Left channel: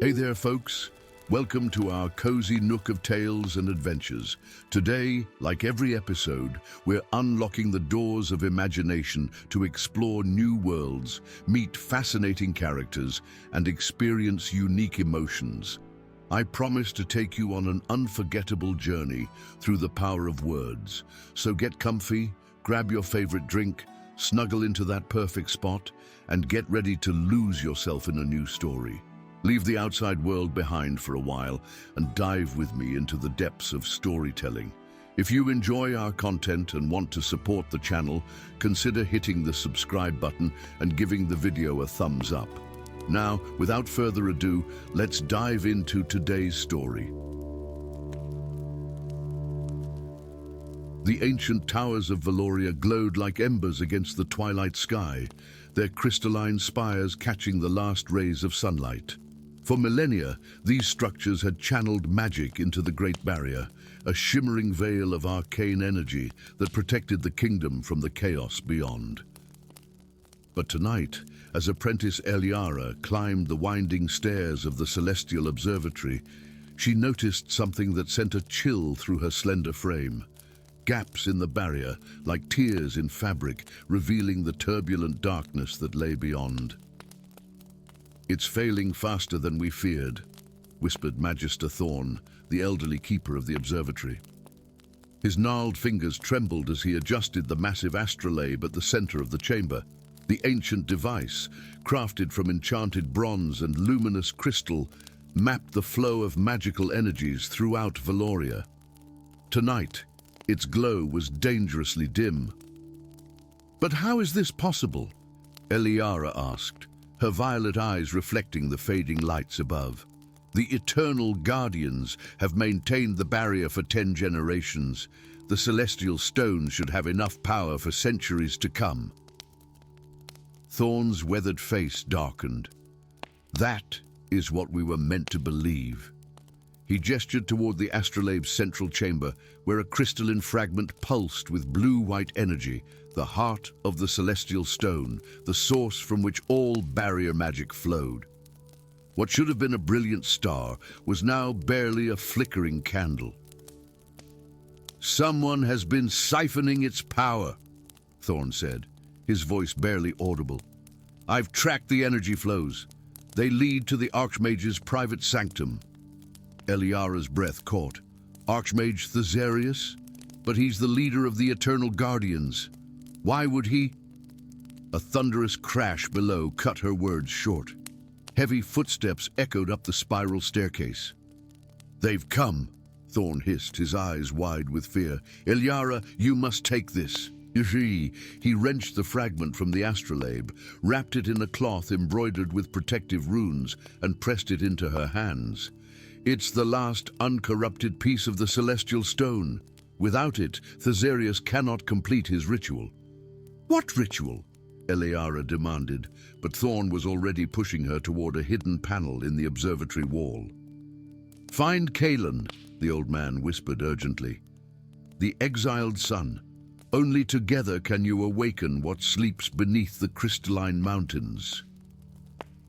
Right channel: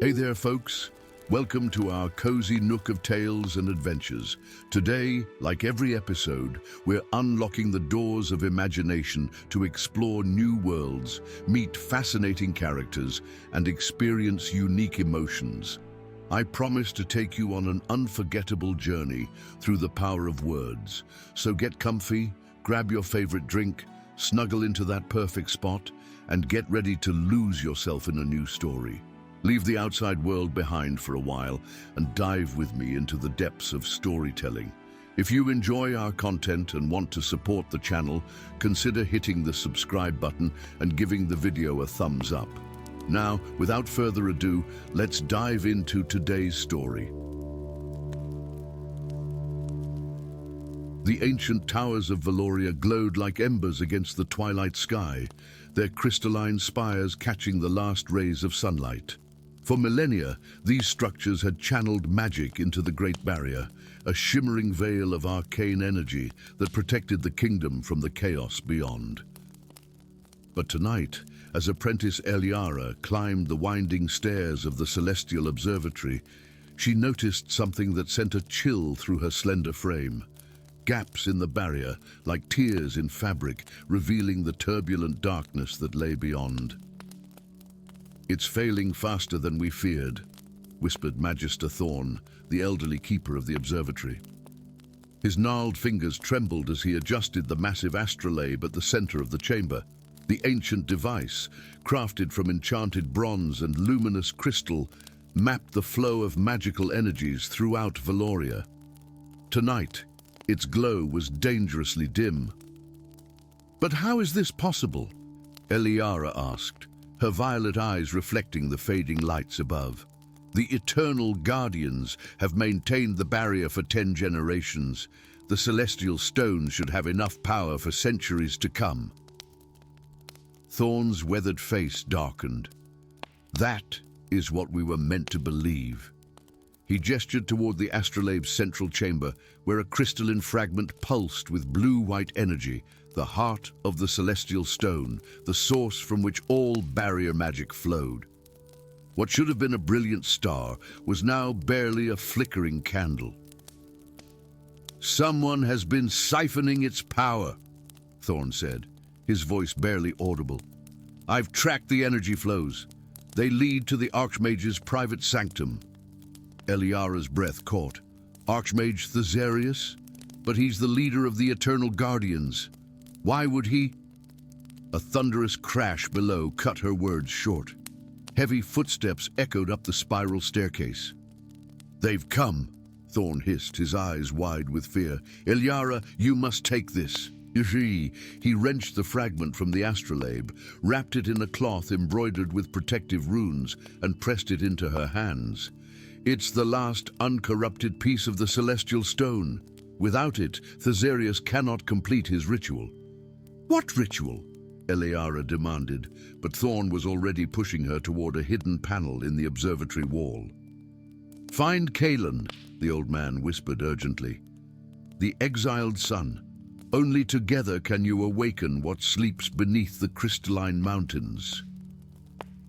Hey there, folks. Welcome to our cozy nook of tales and adventures. Today, like every episode, we're unlocking the doors of imagination to explore new worlds, meet fascinating characters, and experience unique emotions. I promise to take you on an unforgettable journey through the power of words. So get comfy, grab your favorite drink, snuggle into that perfect spot, and get ready to lose yourself in a new story. Leave the outside world behind for a while and dive with me into the depths of storytelling. If you enjoy our content and want to support the channel, consider hitting the subscribe button and giving the video a thumbs up. Now, without further ado, let's dive into today's story. The ancient towers of Valoria glowed like embers against the twilight sky, their crystalline spires catching the last rays of sunlight. For millennia, these structures had channeled magic into the Great Barrier, a shimmering veil of arcane energy that protected the kingdom from the chaos beyond. But tonight, as apprentice Eliara climbed the winding stairs of the Celestial Observatory, she noticed something that sent a chill through her slender frame. Gaps in the barrier, like tears in fabric, revealing the turbulent darkness that lay beyond. "It's failing faster than we feared," whispered Magister Thorn, the elderly keeper of the observatory. His gnarled fingers trembled as he adjusted the massive astrolabe at the center of the chamber. The ancient device, crafted from enchanted bronze and luminous crystal, mapped the flow of magical energies throughout Valoria. Tonight, its glow was dangerously dim. "But how is this possible?" Eliara asked, her violet eyes reflecting the fading lights above. "The eternal guardians have maintained the barrier for 10 generations. The celestial stone should have enough power for centuries to come." Thorn's weathered face darkened. "That is what we were meant to believe." He gestured toward the astrolabe's central chamber, where a crystalline fragment pulsed with blue-white energy, the heart of the celestial stone, the source from which all barrier magic flowed. What should have been a brilliant star was now barely a flickering candle. "Someone has been siphoning its power," Thorn said, his voice barely audible. "I've tracked the energy flows. They lead to the Archmage's private sanctum." Eliara's breath caught. "Archmage Thesarius? But he's the leader of the Eternal Guardians. Why would he—" A thunderous crash below cut her words short. Heavy footsteps echoed up the spiral staircase. "They've come," Thorn hissed, his eyes wide with fear. "Eliara, you must take this." He wrenched the fragment from the astrolabe, wrapped it in a cloth embroidered with protective runes, and pressed it into her hands. "It's the last uncorrupted piece of the celestial stone. Without it, Thesarius cannot complete his ritual." "What ritual?" Eliara demanded, but Thorn was already pushing her toward a hidden panel in the observatory wall. "Find Kaelin," the old man whispered urgently. "The exiled sun. Only together can you awaken what sleeps beneath the crystalline mountains."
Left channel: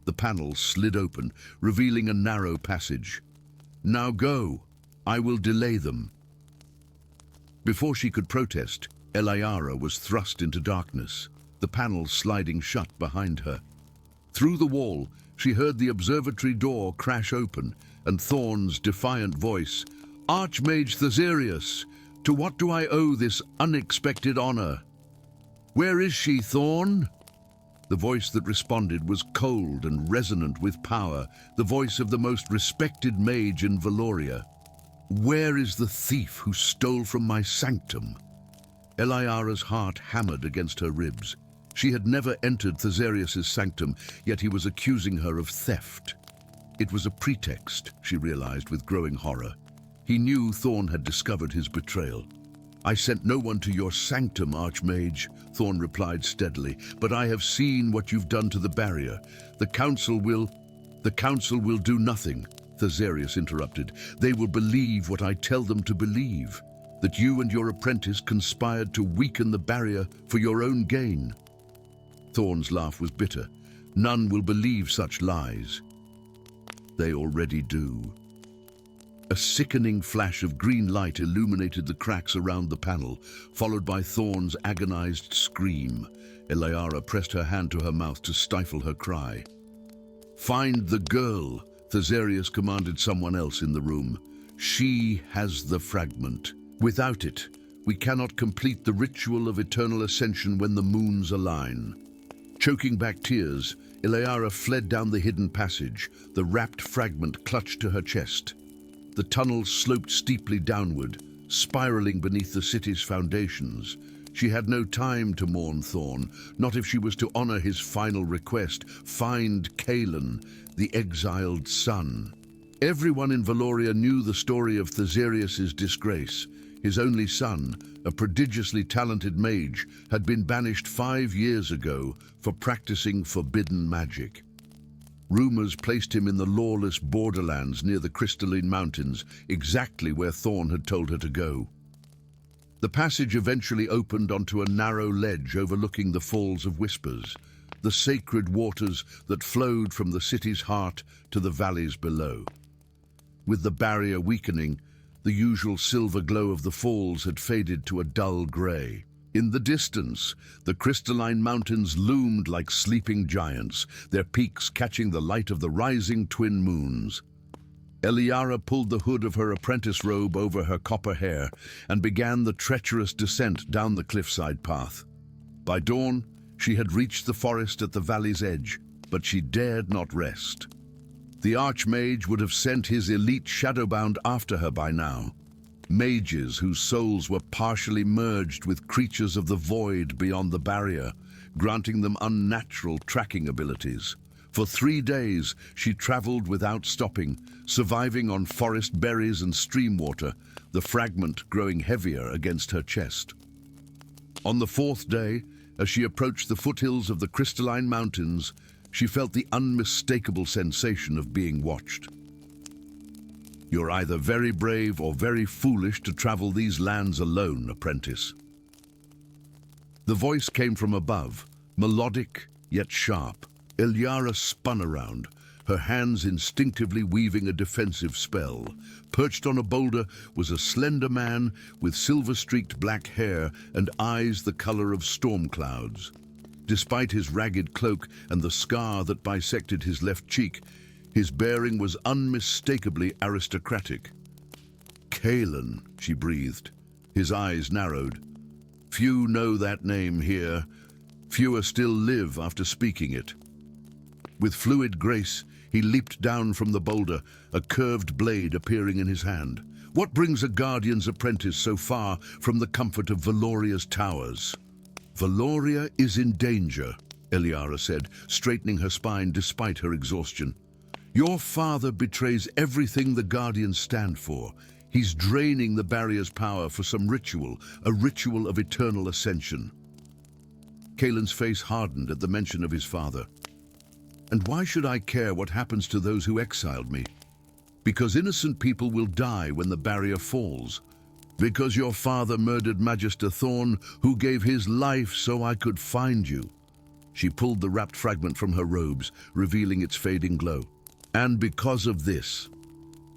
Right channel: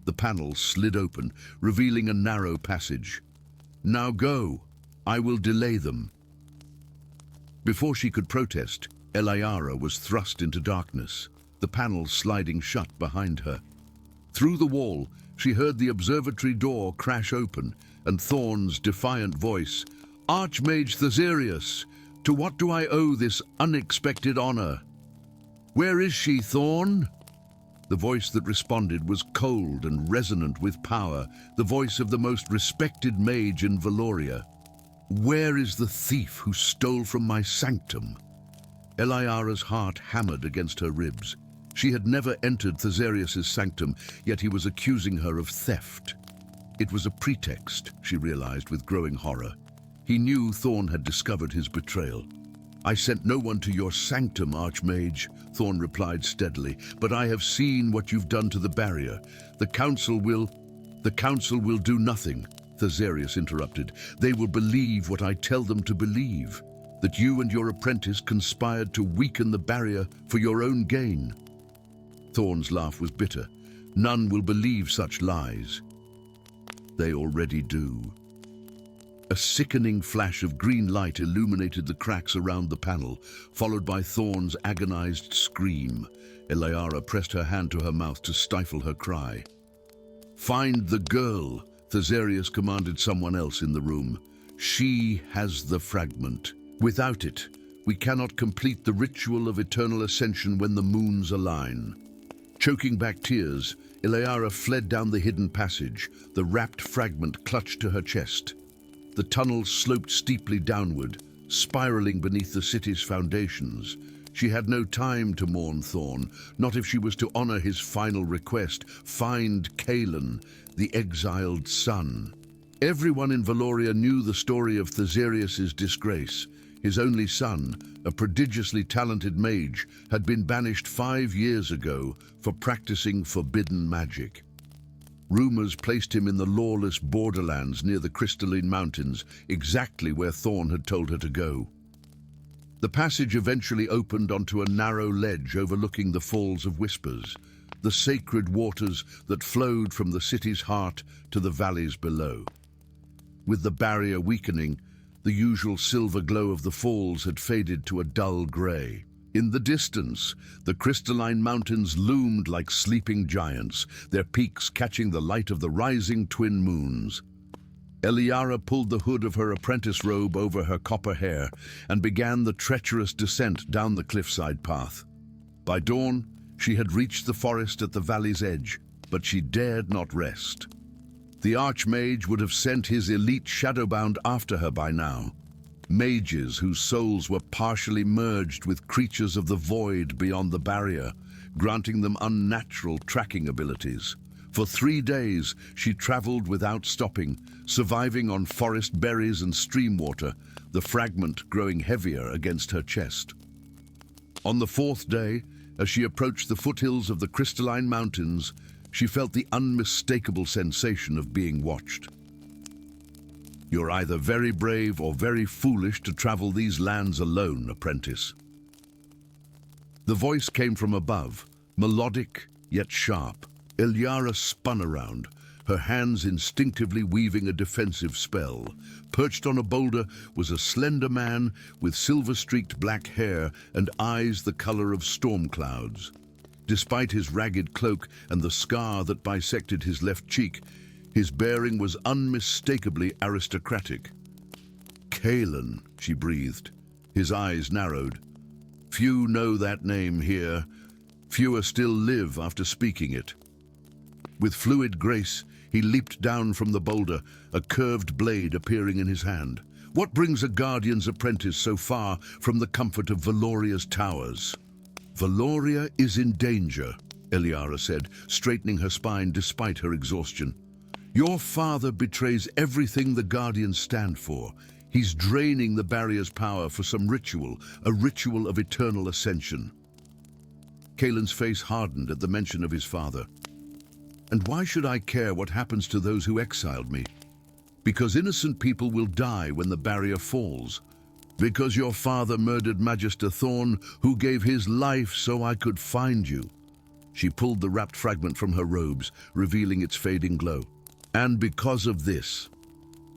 The panel slid open, revealing a narrow passage. "Now go. I will delay them." Before she could protest, Eliara was thrust into darkness, the panel sliding shut behind her. Through the wall, she heard the observatory door crash open, and Thorn's defiant voice, "Archmage Thesarius, to what do I owe this unexpected honor?" "Where is she, Thorn?" The voice that responded was cold and resonant with power, the voice of the most respected mage in Valoria. "Where is the thief who stole from my sanctum?" Eliara's heart hammered against her ribs. She had never entered Thesarius's sanctum, yet he was accusing her of theft. It was a pretext, she realized with growing horror. He knew Thorn had discovered his betrayal. "I sent no one to your sanctum, Archmage," Thorn replied steadily, "but I have seen what you've done to the barrier. The council will do nothing," Thesarius interrupted. "They will believe what I tell them to believe, that you and your apprentice conspired to weaken the barrier for your own gain." Thorn's laugh was bitter. "None will believe such lies." They already do. A sickening flash of green light illuminated the cracks around the panel, followed by Thorn's agonized scream. Eliara pressed her hand to her mouth to stifle her cry. "Find the girl," Thesarius commanded someone else in the room. "She has the fragment. Without it, we cannot complete the ritual of eternal ascension when the moons align." Choking back tears, Eliara fled down the hidden passage, the wrapped fragment clutched to her chest. The tunnel sloped steeply downward, spiraling beneath the city's foundations. She had no time to mourn Thorn, not if she was to honor his final request: find Cailan, the exiled son. Everyone in Valoria knew the story of Thesarius's disgrace. His only son, a prodigiously talented mage, had been banished 5 years ago for practicing forbidden magic. Rumors placed him in the lawless borderlands near the crystalline mountains, exactly where Thorn had told her to go. The passage eventually opened onto a narrow ledge overlooking the Falls of Whispers, the sacred waters that flowed from the city's heart to the valleys below. With the barrier weakening, the usual silver glow of the falls had faded to a dull grey. In the distance, the crystalline mountains loomed like sleeping giants, their peaks catching the light of the rising twin moons. Eliara pulled the hood of her apprentice robe over her copper hair and began the treacherous descent down the cliffside path. By dawn, she had reached the forest at the valley's edge, but she dared not rest. The Archmage would have sent his elite shadowbound after her by now. Mages whose souls were partially merged with creatures of the void beyond the barrier, granting them unnatural tracking abilities. For 3 days, she traveled without stopping, surviving on forest berries and stream water, the fragment growing heavier against her chest. On the 4th day, as she approached the foothills of the crystalline mountains, she felt the unmistakable sensation of being watched. "You're either very brave or very foolish to travel these lands alone, apprentice." The voice came from above, melodic yet sharp. Eliara spun around, her hands instinctively weaving a defensive spell. Perched on a boulder was a slender man with silver-streaked black hair and eyes the color of storm clouds. Despite his ragged cloak and the scar that bisected his left cheek, his bearing was unmistakably aristocratic. "Cailan," she breathed. His eyes narrowed. "Few know that name here. Fewer still live after speaking it." With fluid grace, he leaped down from the boulder, a curved blade appearing in his hand. "What brings a guardian's apprentice so far from the comfort of Valoria's towers?" "Valoria is in danger," Eliara said, straightening her spine despite her exhaustion. "Your father betrays everything the Guardians stand for. He's draining the barrier's power for some ritual, a ritual of eternal ascension." Cailan's face hardened at the mention of his father. "And why should I care what happens to those who exiled me? Because innocent people will die when the barrier falls. Because your father murdered Magister Thorn, who gave his life so I could find you." She pulled the wrapped fragment from her robes, revealing its fading glow. "And because of this."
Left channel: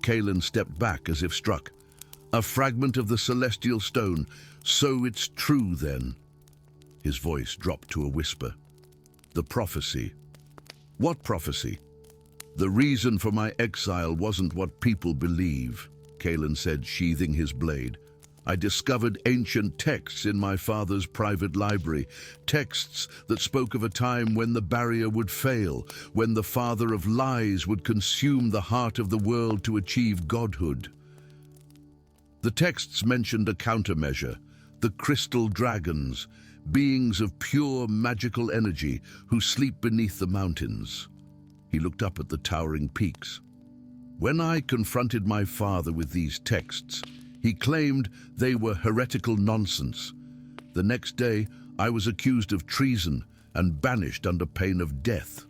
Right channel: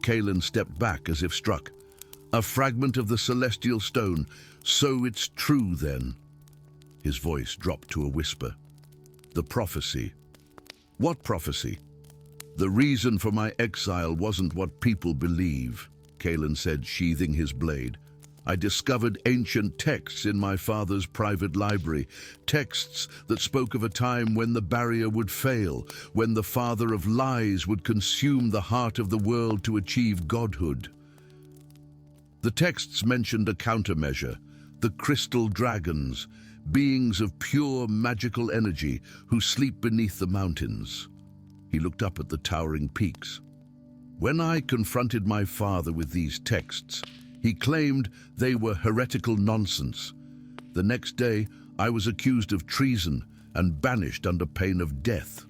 Cailan stepped back as if struck. "A fragment of the celestial stone. So it's true then." His voice dropped to a whisper. "The prophecy." "What prophecy?" "The reason for my exile wasn't what people believe," Cailan said, sheathing his blade. "I discovered ancient texts in my father's private library, texts that spoke of a time when the barrier would fail, when the father of lies would consume the heart of the world to achieve godhood. The texts mentioned a countermeasure, the crystal dragons, beings of pure magical energy who sleep beneath the mountains." He looked up at the towering peaks. "When I confronted my father with these texts, he claimed they were heretical nonsense. The next day, I was accused of treason and banished under pain of death."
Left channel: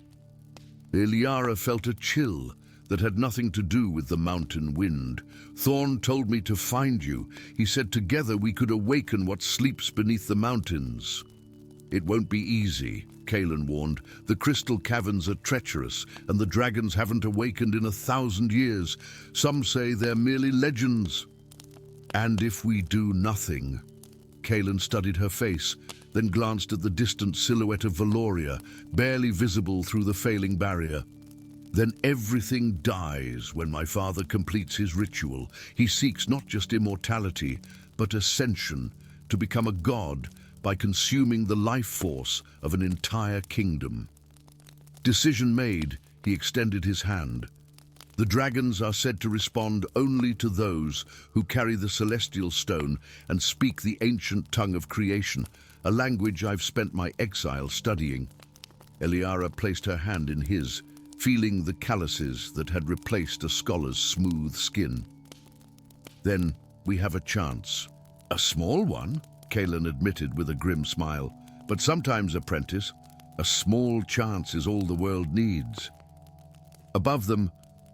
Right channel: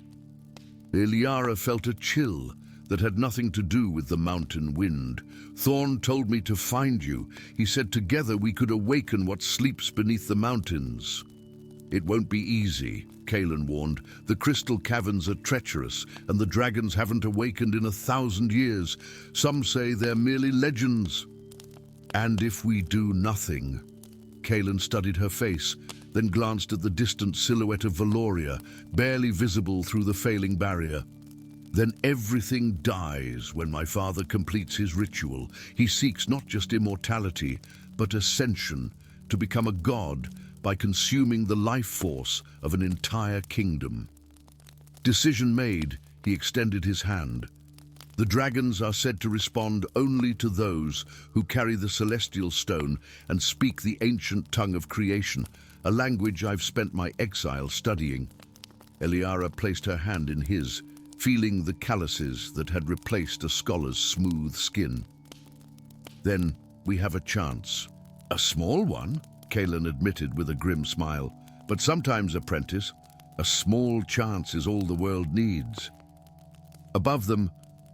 Eliara felt a chill that had nothing to do with the mountain wind. "Thorn told me to find you. He said together we could awaken what sleeps beneath the mountains." It won't be easy, Kaelin warned. The crystal caverns are treacherous, and the dragons haven't awakened in 1,000 years. Some say they're merely legends. And if we do nothing... Kaelin studied her face, then glanced at the distant silhouette of Valoria, barely visible through the failing barrier. Then everything dies when my father completes his ritual. He seeks not just immortality, but ascension, to become a god by consuming the life force of an entire kingdom. Decision made, he extended his hand. The dragons are said to respond only to those who carry the celestial stone and speak the ancient tongue of creation, a language I've spent my exile studying. Eliara placed her hand in his, feeling the calluses that had replaced a scholar's smooth skin. Then we have a chance. A small one, Kaelin admitted with a grim smile. But sometimes, apprentice, a small chance is all the world needs. Above them,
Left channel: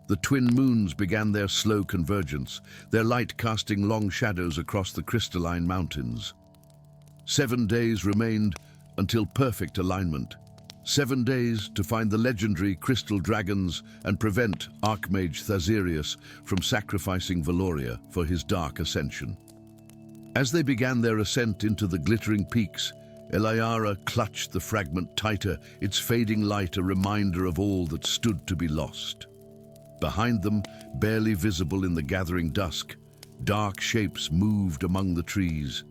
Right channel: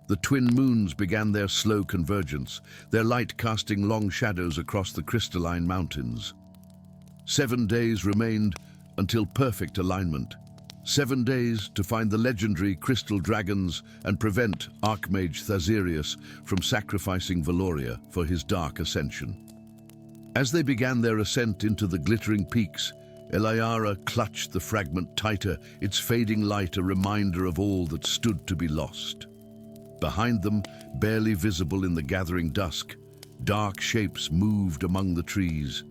the twin moons began their slow convergence, their light casting long shadows across the crystalline mountains. 7 days remained until perfect alignment. 7 days to find the legendary crystal dragons and prevent Archmage Thasirius from sacrificing Valoria for his dark ascension. As they began their ascent into the glittering peaks, Eliara clutched the fragment tighter, its fading light a reminder of all that stood to be lost. Behind them, barely visible in the gathering dusk, dark shapes moved among the trees,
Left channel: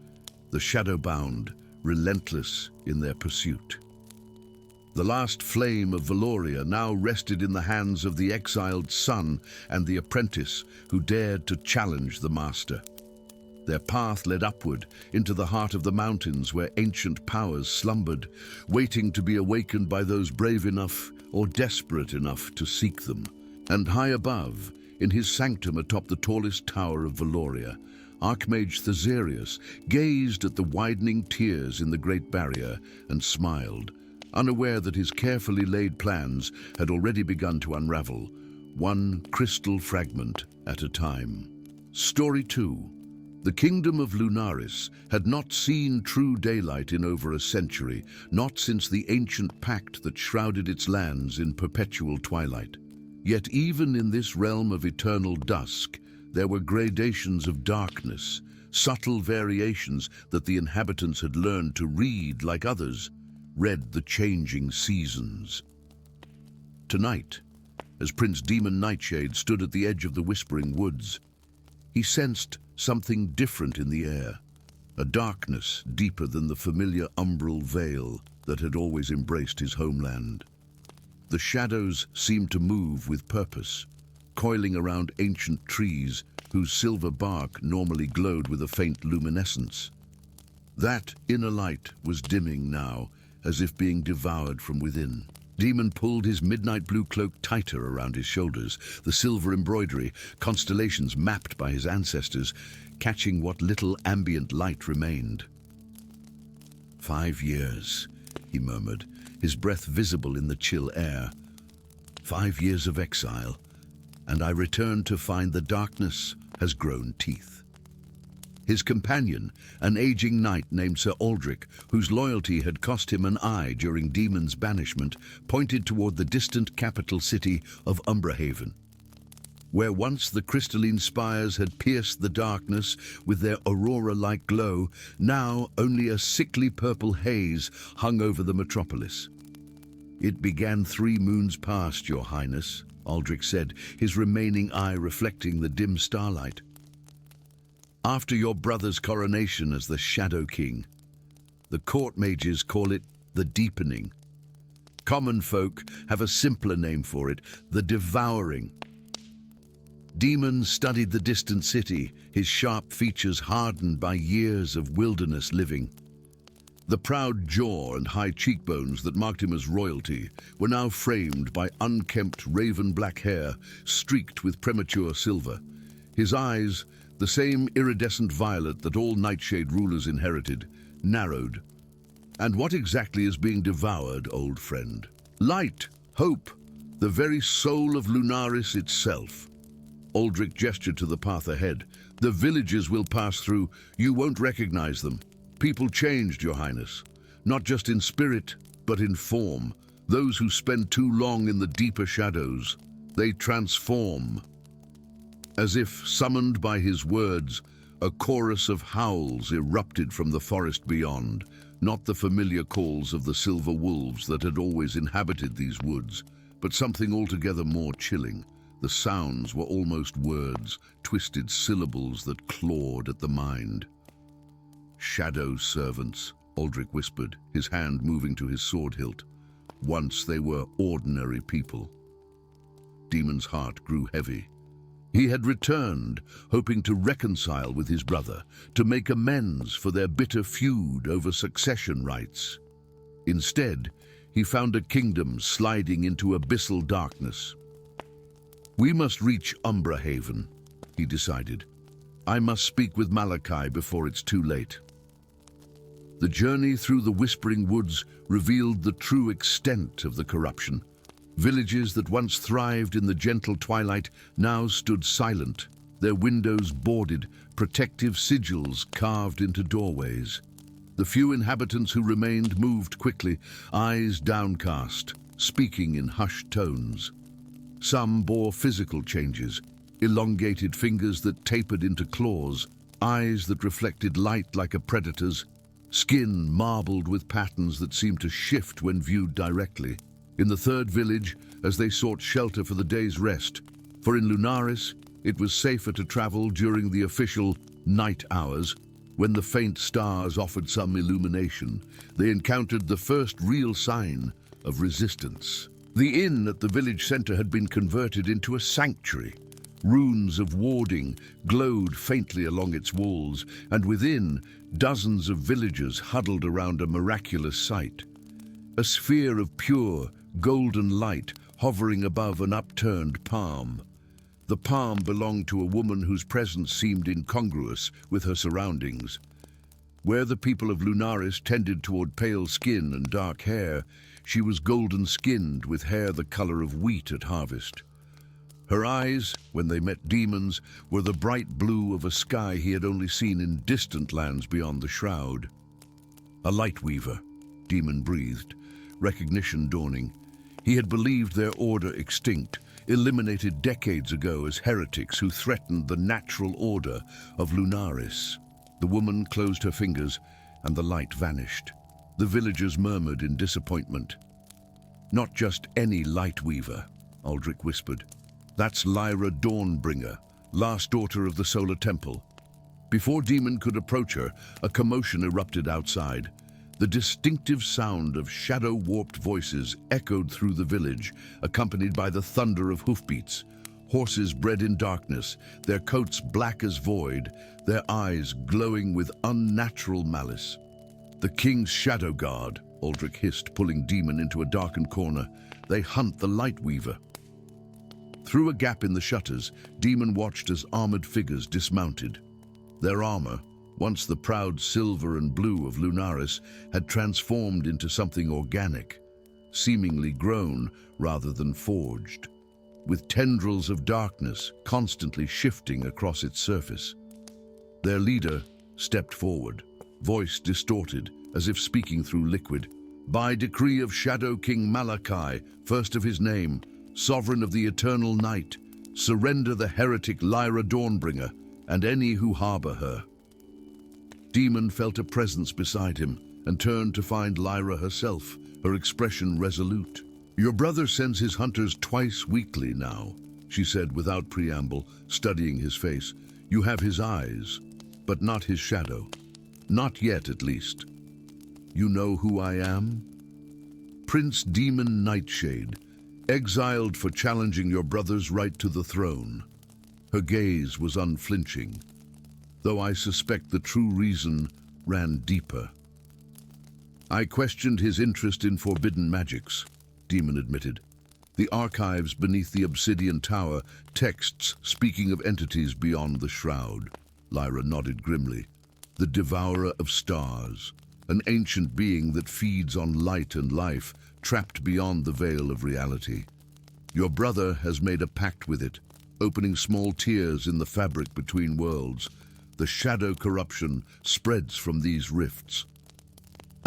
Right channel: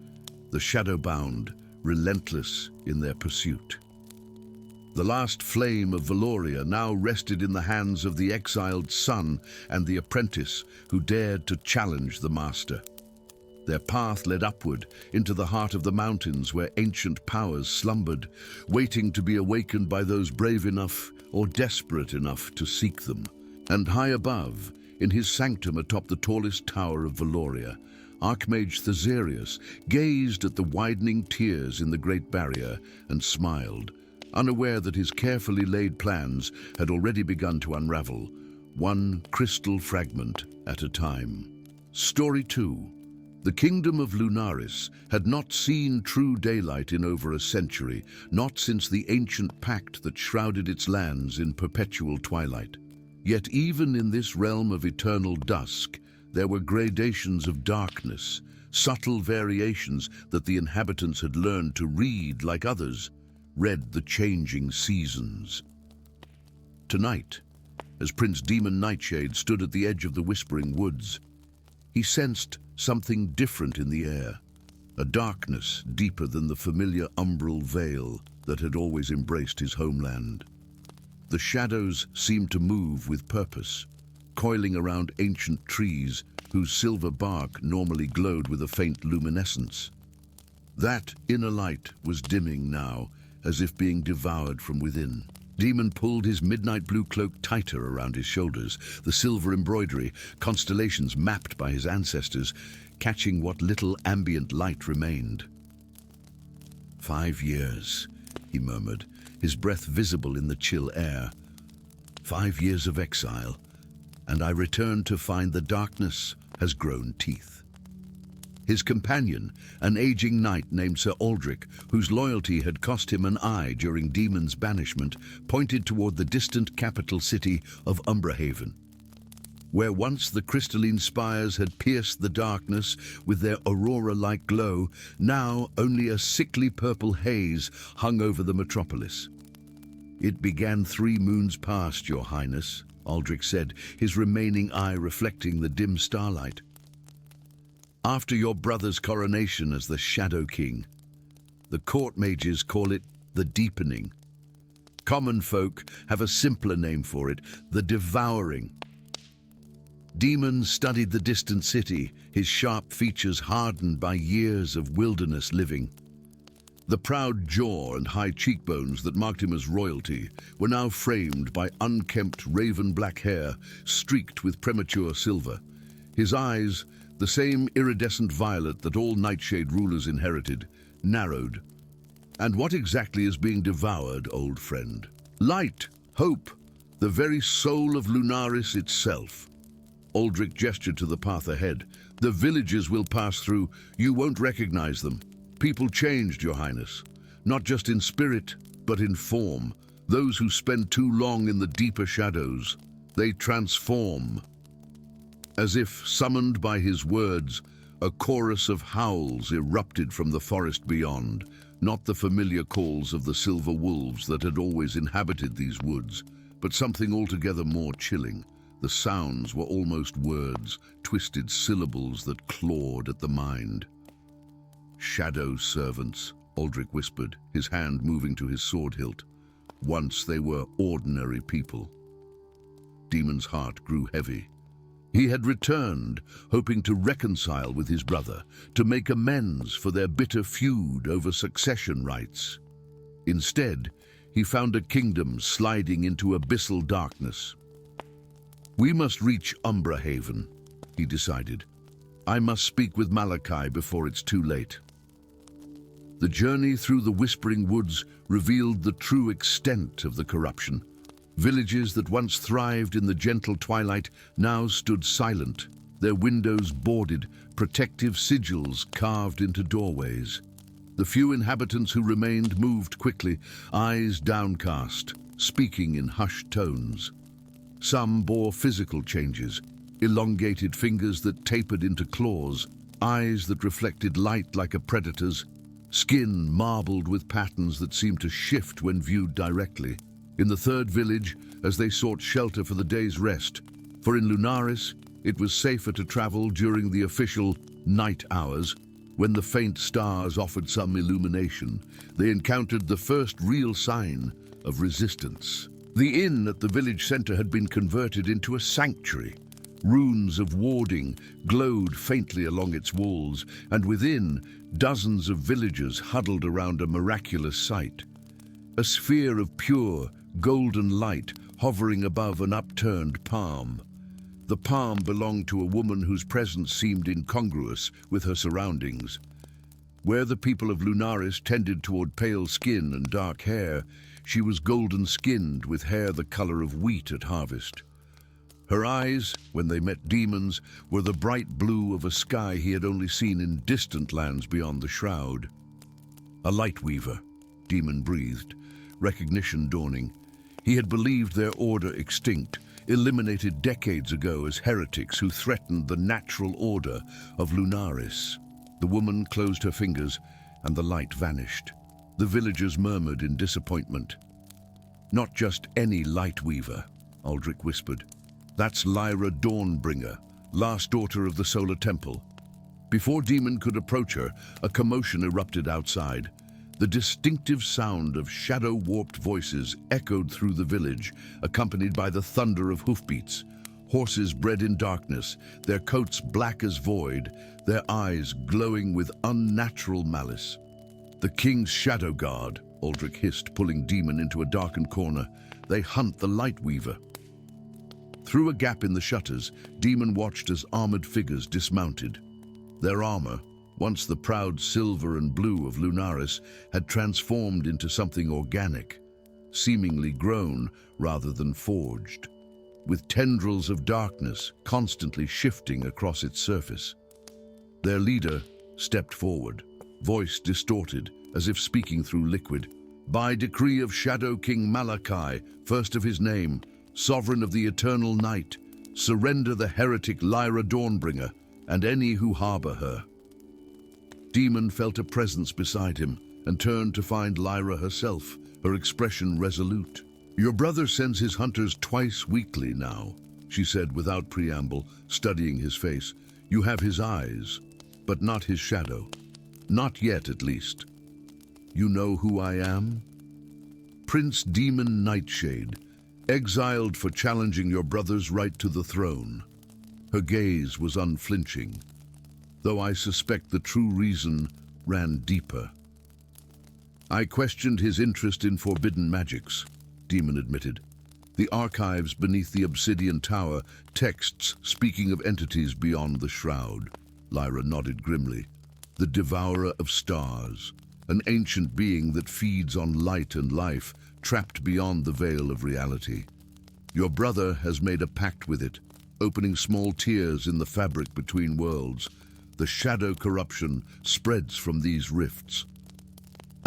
the shadow-bound, relentless in their pursuit. The last flame of Valoria now rested in the hands of the exiled son and the apprentice who dared to challenge the master. Their path led upward into the heart of the mountains where ancient powers slumbered, waiting to be awakened by those brave enough or desperate enough to seek them. And high above, in his sanctum atop the tallest tower of Valoria, Archmage Thasirius gazed at the widening tiers in the Great Barrier and smiled, unaware that his carefully laid plans had already begun to unravel, one crystal fragment at a time. Story 2. The kingdom of Lunaris had not seen true daylight in over a century, not since the ancient pact that shrouded its lands in perpetual twilight. Yet even in this realm of eternal dusk, there were gradations of darkness, subtle variations that the inhabitants had learned to read like others, read the changing seasons. Tonight, as Prince Demon Nightshade stood at the edge of the Whispering Woods, he sensed something different in the air, a darkness deeper than the familiar umbral veil that had always embraced his homeland. The shadows seemed to move with purpose, coiling around ancient trees whose silver bark normally glowed with a faint luminescence. That inner light was dimming now, as if being devoured from within. Demon pulled his midnight blue cloak tighter around his shoulders, the silver embroidery, constellations mapped by his ancestors, catching what little ambient light remained. 5 years, he murmured, his breath visible in the chill air. 5 years of exile, and I return to find the darkness has grown teeth. His companion, an aging knight named Sir Aldrich, whose loyalty had cost him an eye during Demon's banishment, pointed toward the distant capital city of Umbrahaven. Where once the crystalline spires had pierced the darkness with their aurora-like glow, now only a sickly purple haze hung over the metropolis. It began 3 moons past, Your Highness, Aldrich said, his remaining eye reflecting the dim starlight. After your brother's coronation as the Shadow King. The court mages call it the Deepening. Common folk have a simpler name for it, the Devouring. Demon studied the distant city, his sharp features hardened by years of wilderness living. The proud jaw and high cheekbones that marked him as royalty were now framed by unkempt raven-black hair streaked with premature silver. His eyes, the same iridescent violet that all Nightshade rulers inherited, narrowed. And what exactly is being devoured, old friend? Light, hope, the very soul of Lunaris itself. Aldrich gestured to the path ahead. The villages will pass through. You won't recognize them. People changed, Your Highness. not just in spirit, but in form. Those who spend too long in the deeper shadows, they transform. As if summoned by his words, a chorus of howls erupted from the forest beyond, not the familiar calls of the silver wolves that had always inhabited these woods, but something altogether more chilling. The sounds were almost words, twisted syllables that clawed at the mind. "Shadow servants," Aldrich whispered, his hand moving to his sword hilt. Once they were ordinary people. Demon's heart grew heavy. He had returned, hoping to reconcile with his brother, to make amends for their bitter feud over succession rights. Instead, he found a kingdom sliding into abyssal darkness. "We must reach Umbra Haven," he decided. "I must speak with Malachi before it's too late." The journey through the Whispering Woods revealed the true extent of the corruption. Villages that once thrived in the gentle twilight now stood silent, their windows boarded, protective sigils carved into doorways. The few inhabitants who remained moved quickly, eyes downcast, speaking in hushed tones. Some bore physical changes, elongated fingers that tapered into claws, eyes that reflected light like a predator's, skin marbled with patterns that seemed to shift when viewed directly. In the third village, as they sought shelter for the day's rest, for in Lunaris it was safer to travel during the official night hours, when the faint stars offered some illumination, they encountered the first real sign of resistance. The inn at the village center had been converted into a sanctuary. Runes of warding glowed faintly along its walls, and within, dozens of villagers huddled around a miraculous sight. A sphere of pure, golden light hovering above an upturned palm. The palm belonged to a woman whose presence seemed incongruous with her surroundings. Where the people of Lunaris tended toward pale skin and dark hair, she was golden-skinned with hair the color of wheat at harvest. Her eyes, when they met Demon's, were the bright blue of a sky he had only seen in distant lands beyond the shroud. "A light weaver," Demon breathed, recognition dawning. He had believed their order extinct, eliminated decades ago as heretics who threatened the natural order of Lunaris. The woman closed her fingers, and the light vanished. The villagers murmured in disappointment. "Not just any light weaver," Aldrich whispered. "That's Lyra Dawnbringer, last daughter of the Solar Temple." Before Demon could approach her, a commotion erupted outside. The distinctive sound of shadow-warped voices echoed through the village, accompanied by the thunder of hoofbeats. Horses bred in darkness, their coats black as void, their eyes glowing with unnatural malice. "The King's Shadow Guard," Aldrich hissed, pulling Demon into a darkened corner. "They hunt the Lightweaver." Through a gap in the shutters, Demon watched as armored figures dismounted. Their armor, once the proud silver and blue of Lunaris, had transformed into something organic, seemingly grown rather than forged, with tendrils of darkness constantly shifting across its surface. Their leader stepped forward, voice distorted as if speaking through liquid. "By decree of Shadow King Malachi, first of his name, sovereign of the eternal night, surrender the heretic Lyra Dawnbringer and any who harbor her." Demon felt a presence beside him and turned to find Lyra herself, her expression resolute. "Your brother sends his hunters twice weekly now," she said without preamble, studying his face. "You have his eyes, but not his shadow. Not yet, at least. You know who I am? Prince Demon Nightshade, exiled for challenging your brother's right to the throne." Her gaze was unflinching, though I suspect the true reason ran deeper. "I questioned his interest in forbidden magics," Demon admitted. "The archives beneath the obsidian tower, texts speaking of entities beyond the shroud." Lyra nodded grimly. "The devourer of stars, an ancient being that feeds on light and life, trapped beyond the veil of reality. Your brother has made a pact with it, opening small tears in the fabric between worlds. The shadow corruption spreads from these rifts."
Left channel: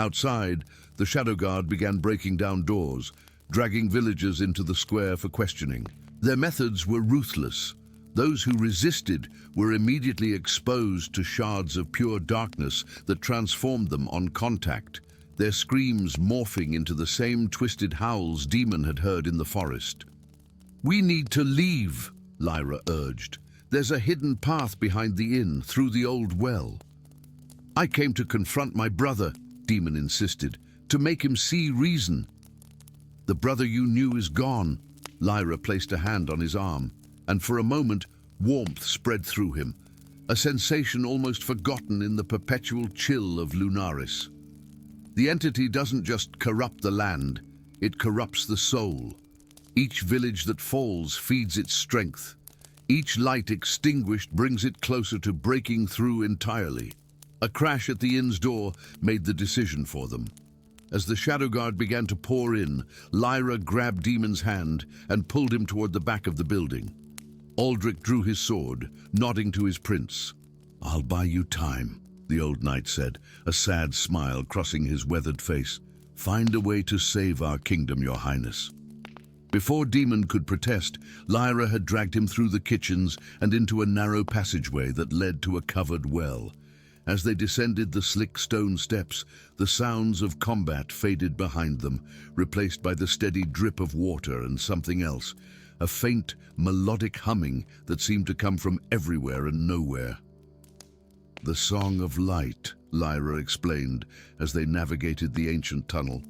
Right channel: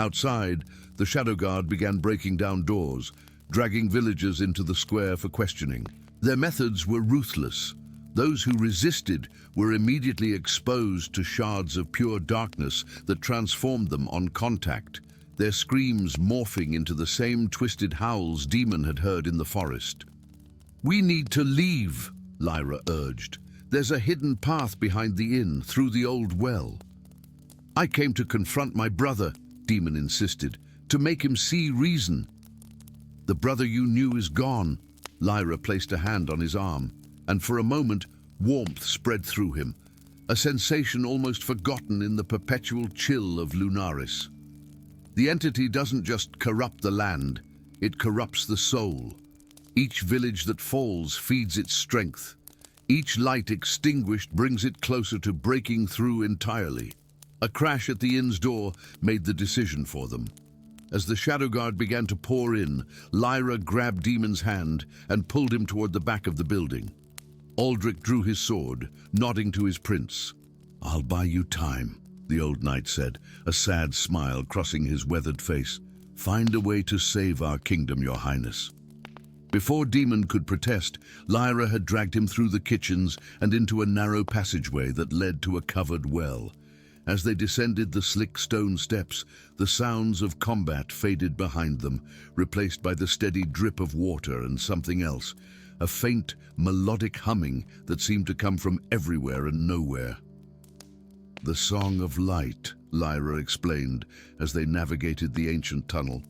Outside, the Shadow Guard began breaking down doors, dragging villagers into the square for questioning. Their methods were ruthless. Those who resisted were immediately exposed to shards of pure darkness that transformed them on contact, their screams morphing into the same twisted howls Demon had heard in the forest. "We need to leave," Lyra urged. "There's a hidden path behind the inn, through the old well." "I came to confront my brother," Demon insisted, "to make him see reason." "The brother you knew is gone." Lyra placed a hand on his arm, and for a moment, warmth spread through him, a sensation almost forgotten in the perpetual chill of Lunaris. The entity doesn't just corrupt the land, it corrupts the soul. Each village that falls feeds its strength. Each light extinguished brings it closer to breaking through entirely. A crash at the inn's door made the decision for them. As the Shadow Guard began to pour in, Lyra grabbed Demon's hand and pulled him toward the back of the building. Aldrich drew his sword, nodding to his prince. "I'll buy you time," the old knight said, a sad smile crossing his weathered face. "Find a way to save our kingdom, your highness." Before Demon could protest, Lyra had dragged him through the kitchens and into a narrow passageway that led to a covered well. As they descended the slick stone steps, the sounds of combat faded behind them, replaced by the steady drip of water and something else, a faint, melodic humming that seemed to come from everywhere and nowhere. "The Song of Light," Lyra explained as they navigated the ancient tunnel.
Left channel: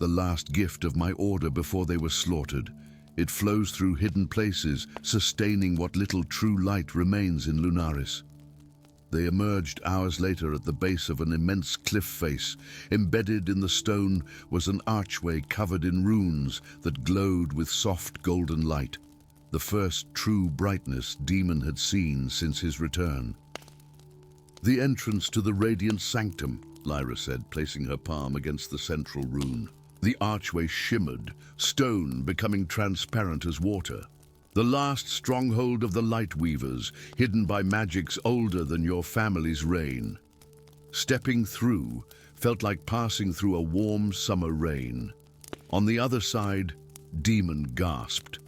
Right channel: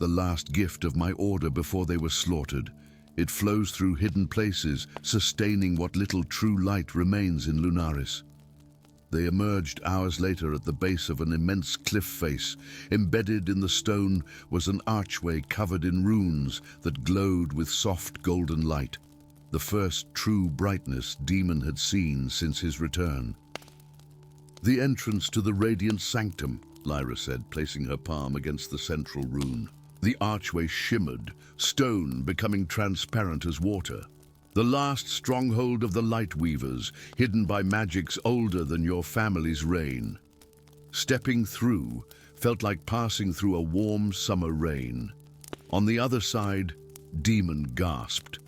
"The last gift of my order before they were slaughtered. It flows through hidden places, sustaining what little true light remains in Lunaris." They emerged hours later at the base of an immense cliff face. Embedded in the stone was an archway covered in runes that glowed with soft golden light, the first true brightness Demon had seen since his return. "The entrance to the Radiant Sanctum," Lyra said, placing her palm against the central rune. The archway shimmered, stone becoming transparent as water. "The last stronghold of the Light Weavers, hidden by magics older than your family's reign." Stepping through felt like passing through a warm summer rain. On the other side, Demon gasped.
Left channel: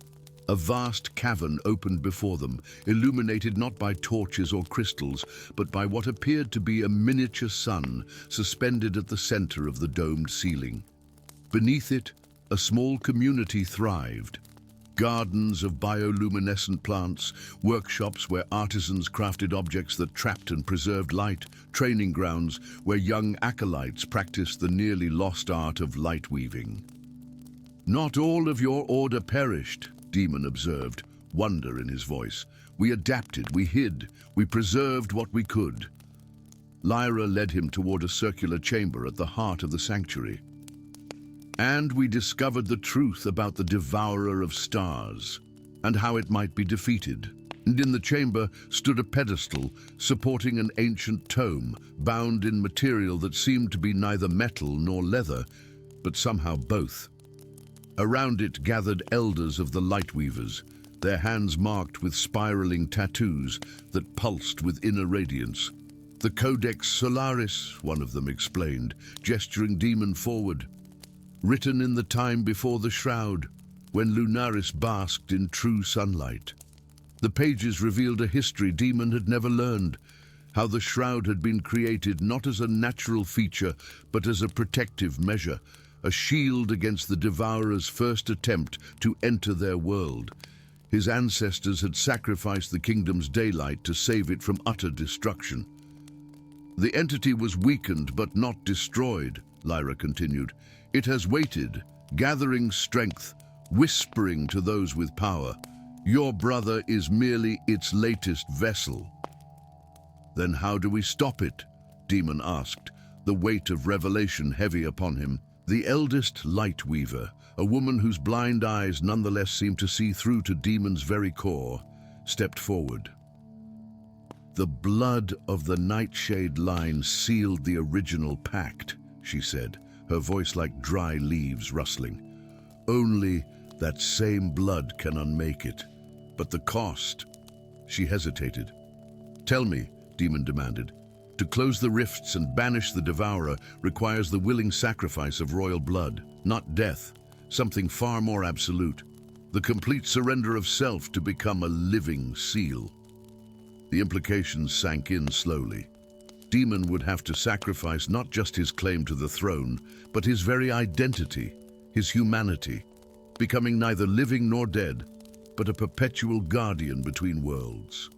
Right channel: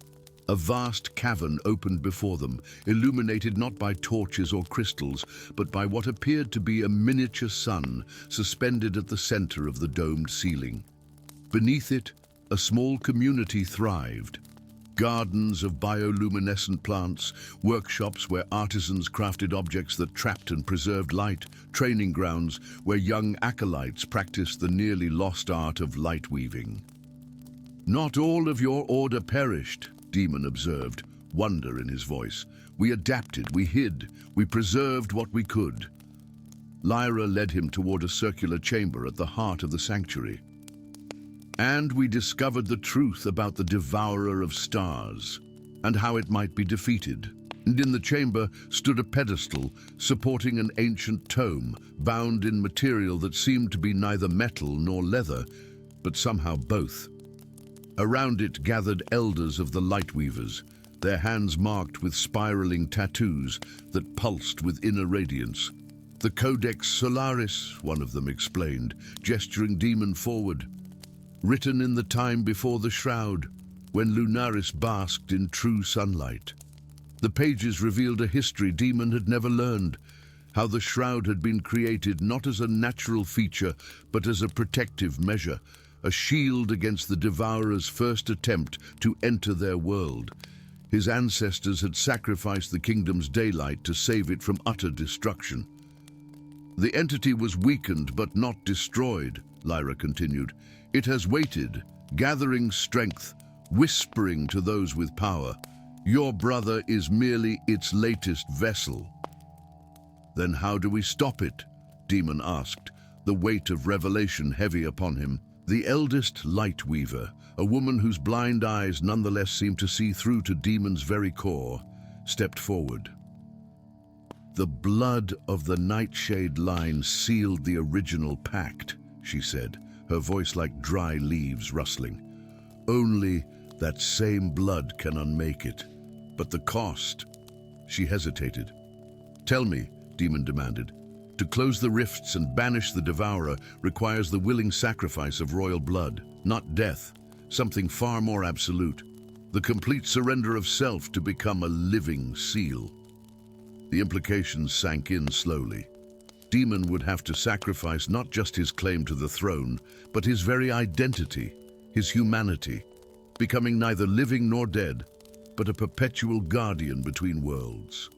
A vast cavern opened before them, illuminated not by torches or crystals, but by what appeared to be a miniature sun suspended at the center of the domed ceiling. Beneath it, a small community thrived. Gardens of bioluminescent plants, workshops where artisans crafted objects that trapped and preserved light, training grounds where young acolytes practiced the nearly lost art of light weaving. "Not all of your order perished," Demon observed, wonder in his voice. "We adapted, we hid, we preserved what we could." Lyra led him toward a circular chamber at the heart of the sanctuary. "And we discovered the truth about the Devourer of Stars, and how it might be defeated. And in the chamber stood a pedestal supporting an ancient tome, bound in material that seemed to be neither metal nor leather, but somehow both. Around it gathered elders of the Lightweavers, their hands marked with spiraling tattoos that pulsed with inner radiance. "The Codex Solaris," one of them explained, gesturing Demon forward. "Written in the time before the Shroud, when Lunaris basked in true sunlight." The pages revealed a history Demon had never learned, how the Shroud had been created not as a natural feature, but as a protective measure, a shield against the Devourer's first attempt to enter their world. His ancestors had sacrificed the kingdom's daylight to save it from utter destruction. "The entity was weakened but not destroyed," Lyra continued. "It has waited, gathering strength, whispering to those with power. Your brother is merely its latest vessel." "Then how do we stop it?" Demon asked, the weight of revelation heavy upon him. The eldest Light Weaver, a woman whose blind eyes nonetheless seemed to see through to Demon's very core, stepped forward. "The blood of the Nightshade line sealed the original pact," she said, her voice like dry leaves rustling. "Only that same blood can unmake it. But the cost..." She hesitated. "Tell me," Demon demanded. To close the rifts and banish the devourer requires the willing sacrifice of royal blood, not death, something far more absolute. The complete surrender of self to become a living seal. The implications sank in slowly. Demon would have to sacrifice not just his claim to the throne, but his very identity, his humanity, becoming neither living nor dead, but a perpetual guardian between worlds.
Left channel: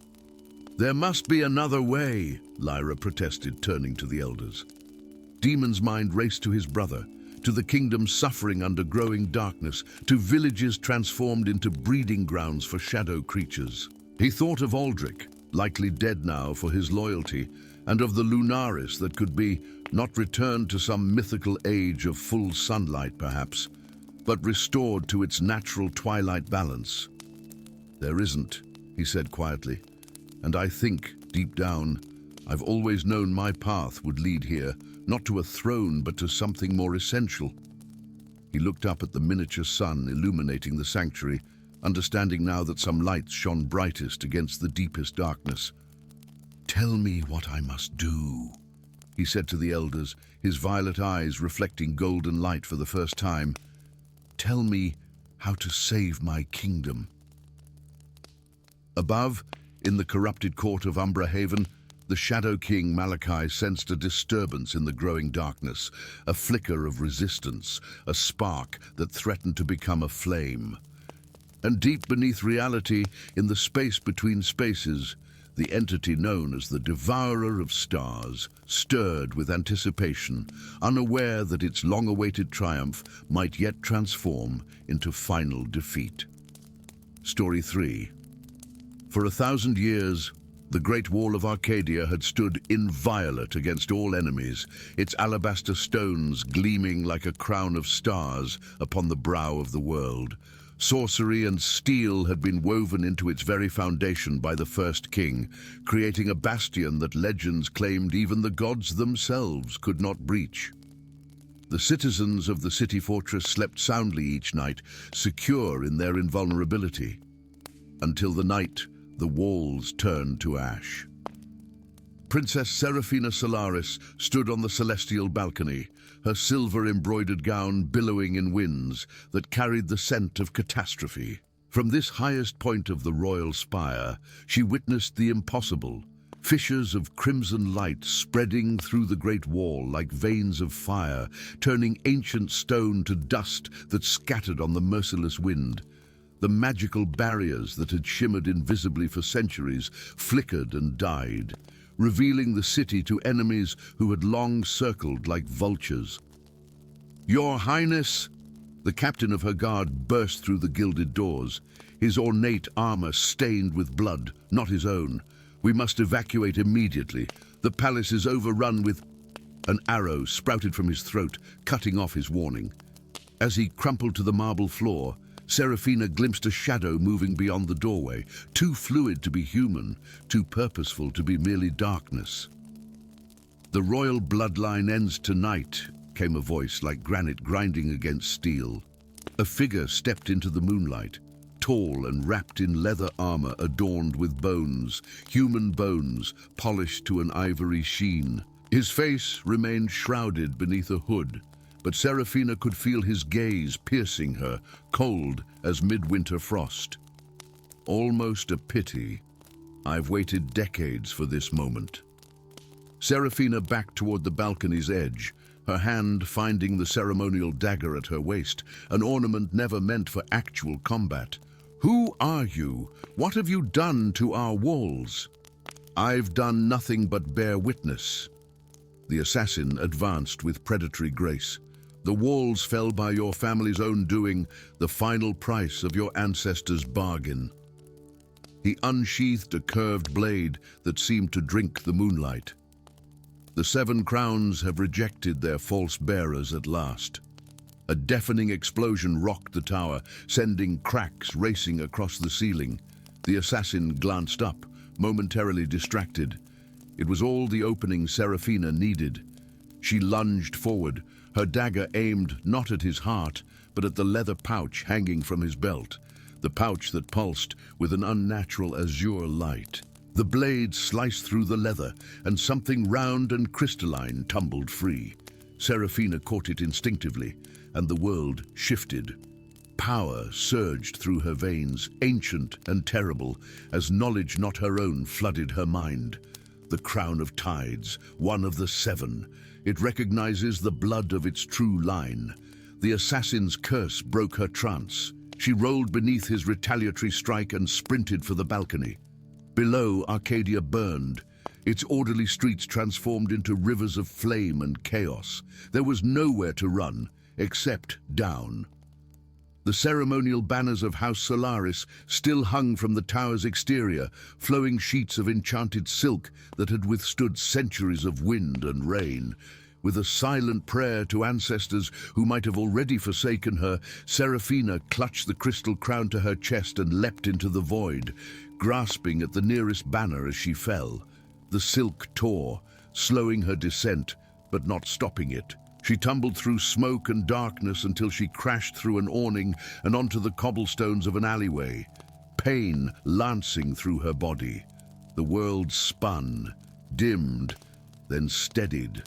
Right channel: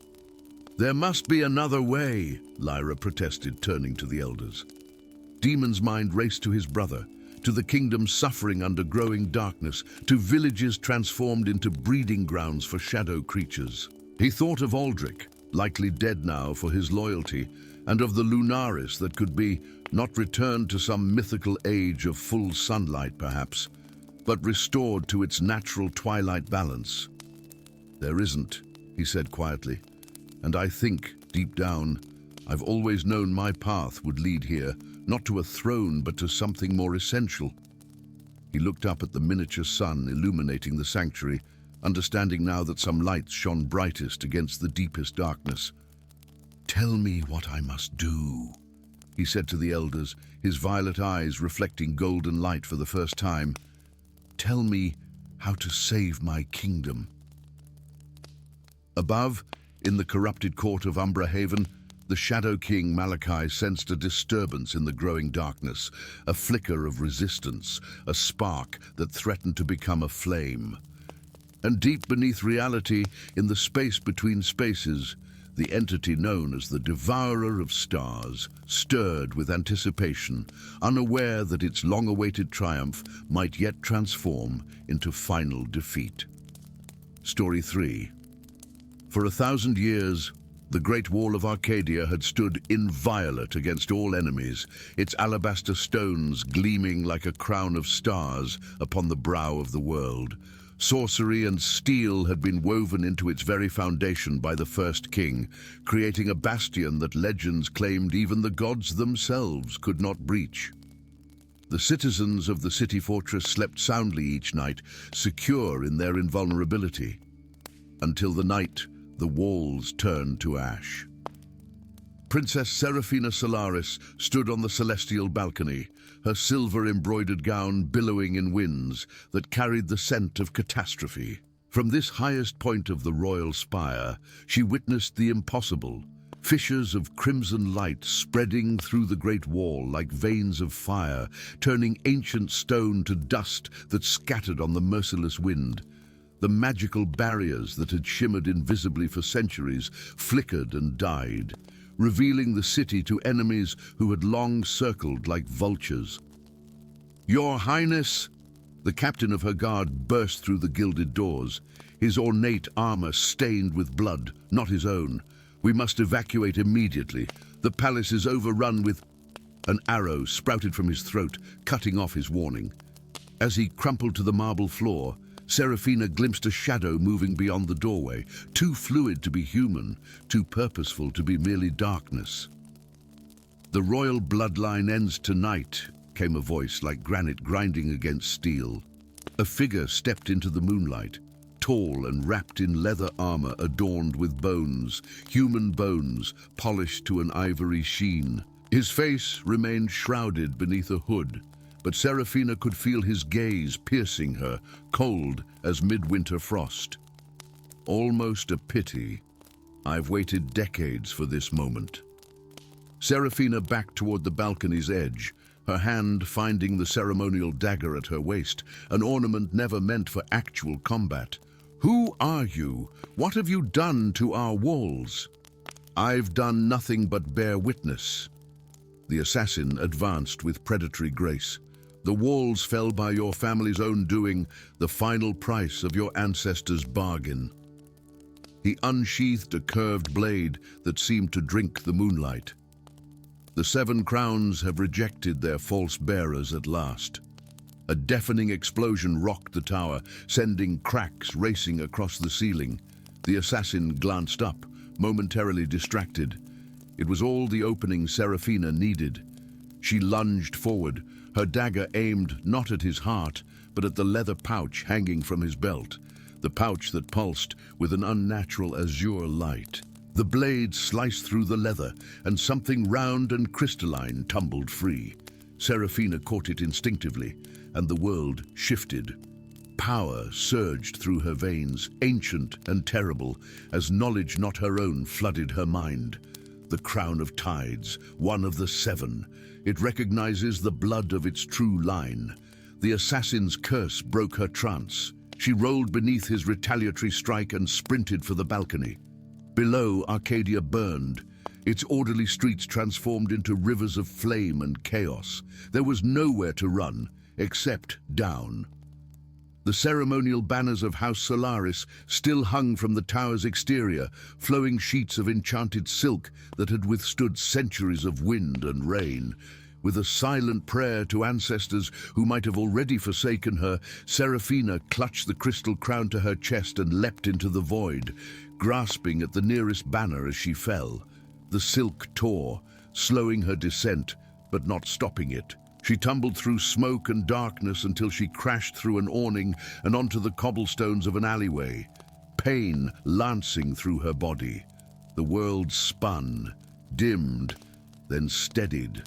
There must be another way, Lyra protested, turning to the elders. Demon's mind raced to his brother, to the kingdom suffering under growing darkness, to villages transformed into breeding grounds for shadow creatures. He thought of Aldrich, likely dead now for his loyalty, and of the Lunaris that could be not returned to some mythical age of full sunlight perhaps, but restored to its natural twilight balance. There isn't, he said quietly, and I think, deep down, I've always known my path would lead here, not to a throne but to something more essential. He looked up at the miniature sun illuminating the sanctuary, understanding now that some lights shone brightest against the deepest darkness. "Tell me what I must do," he said to the elders, his violet eyes reflecting golden light for the first time. "Tell me how to save my kingdom." Above, in the corrupted court of Umbra Haven, the Shadow King Malachi sensed a disturbance in the growing darkness, a flicker of resistance, a spark that threatened to become a flame. And deep beneath reality, in the space between spaces, the entity known as the Devourer of Stars stirred with anticipation, unaware that its long-awaited triumph might yet transform into final defeat. Story 3. For 1,000 years, the Great Wall of Arcadia had stood inviolate against all enemies, its alabaster stones gleaming like a crown of stars upon the brow of the world. Sorcery and steel had been woven into its very foundation by the first king, creating a bastion that legends claimed even the gods themselves could not breach. The citizens of the city fortress slept soundly each night, secure in their invulnerability, until the night the walls turned to ash. Princess Seraphina Solaris stood on the celestial balcony, her silver-embroidered gown billowing in winds that carried the scent of catastrophe. From this highest point of the royal spire, she witnessed the impossible, fissures of crimson light spreading through the great wall like veins of fire, turning ancient stone to dust that scattered on the merciless wind. The magical barriers that had shimmered invisibly for centuries flickered and died, revealing the city to enemies who had long circled like vultures. "Your Highness!" The captain of her guard burst through the gilded doors, his ornate armor stained with blood, not his own. "We must evacuate immediately. The palace is overrun with—" An arrow sprouted from his throat, cutting off his warning. As he crumpled to the marble floor, Seraphina glimpsed a shadow moving beyond the doorway, too fluid to be human, too purposeful to be merely darkness. "The royal bloodline ends tonight," came a voice like granite grinding against steel. A figure stepped into the moonlight, tall and wrapped in leather armor adorned with bones, human bones, polished to an ivory sheen. His face remained shrouded beneath a hood, but Seraphina could feel his gaze piercing her, cold as midwinter frost. "Almost a pity. I've waited decades for this moment." Seraphina backed toward the balcony's edge, her hand finding the ceremonial dagger at her waist, an ornament never meant for actual combat. "Who are you? What have you done to our walls?" "I've done nothing but bear witness." The assassin advanced with predatory grace. "The walls fell by your family's own doing, the final price of your ancestors' bargain." He unsheathed a curved blade that seemed to drink the moonlight. "The 7 crowns have rejected their false bearers at last." A deafening explosion rocked the tower, sending cracks racing across the ceiling. The assassin glanced up, momentarily distracted. It was all the opening Seraphina needed. She lunged forward, her dagger aimed not at his heart, but at the leather pouch hanging from his belt, the pouch that pulsed with an unnatural azure light. The blade sliced through the leather, and something round and crystalline tumbled free. Seraphina caught it instinctively, and the world shifted. Power surged through her veins, ancient and terrible, as knowledge not her own flooded her mind. The crown of tides, one of the seven. It recognizes the blood of its true line. The assassin's curse broke her trance. She rolled beneath his retaliatory strike and sprinted for the balcony. Below, Arcadia burned. Its orderly streets transformed into rivers of flame and chaos. There was nowhere to run, except down. The ceremonial banners of House Solaris still hung from the tower's exterior, flowing sheets of enchanted silk that had withstood centuries of wind and rain. With a silent prayer to ancestors who might have already forsaken her, Seraphina clutched the crystal crown to her chest and leapt into the void, grasping at the nearest banner as she fell. The silk tore, slowing her descent, but not stopping it. She tumbled through smoke and darkness until she crashed through an awning and onto the cobblestones of an alleyway, pain lancing through her body. The world spun, dimmed, then steadied.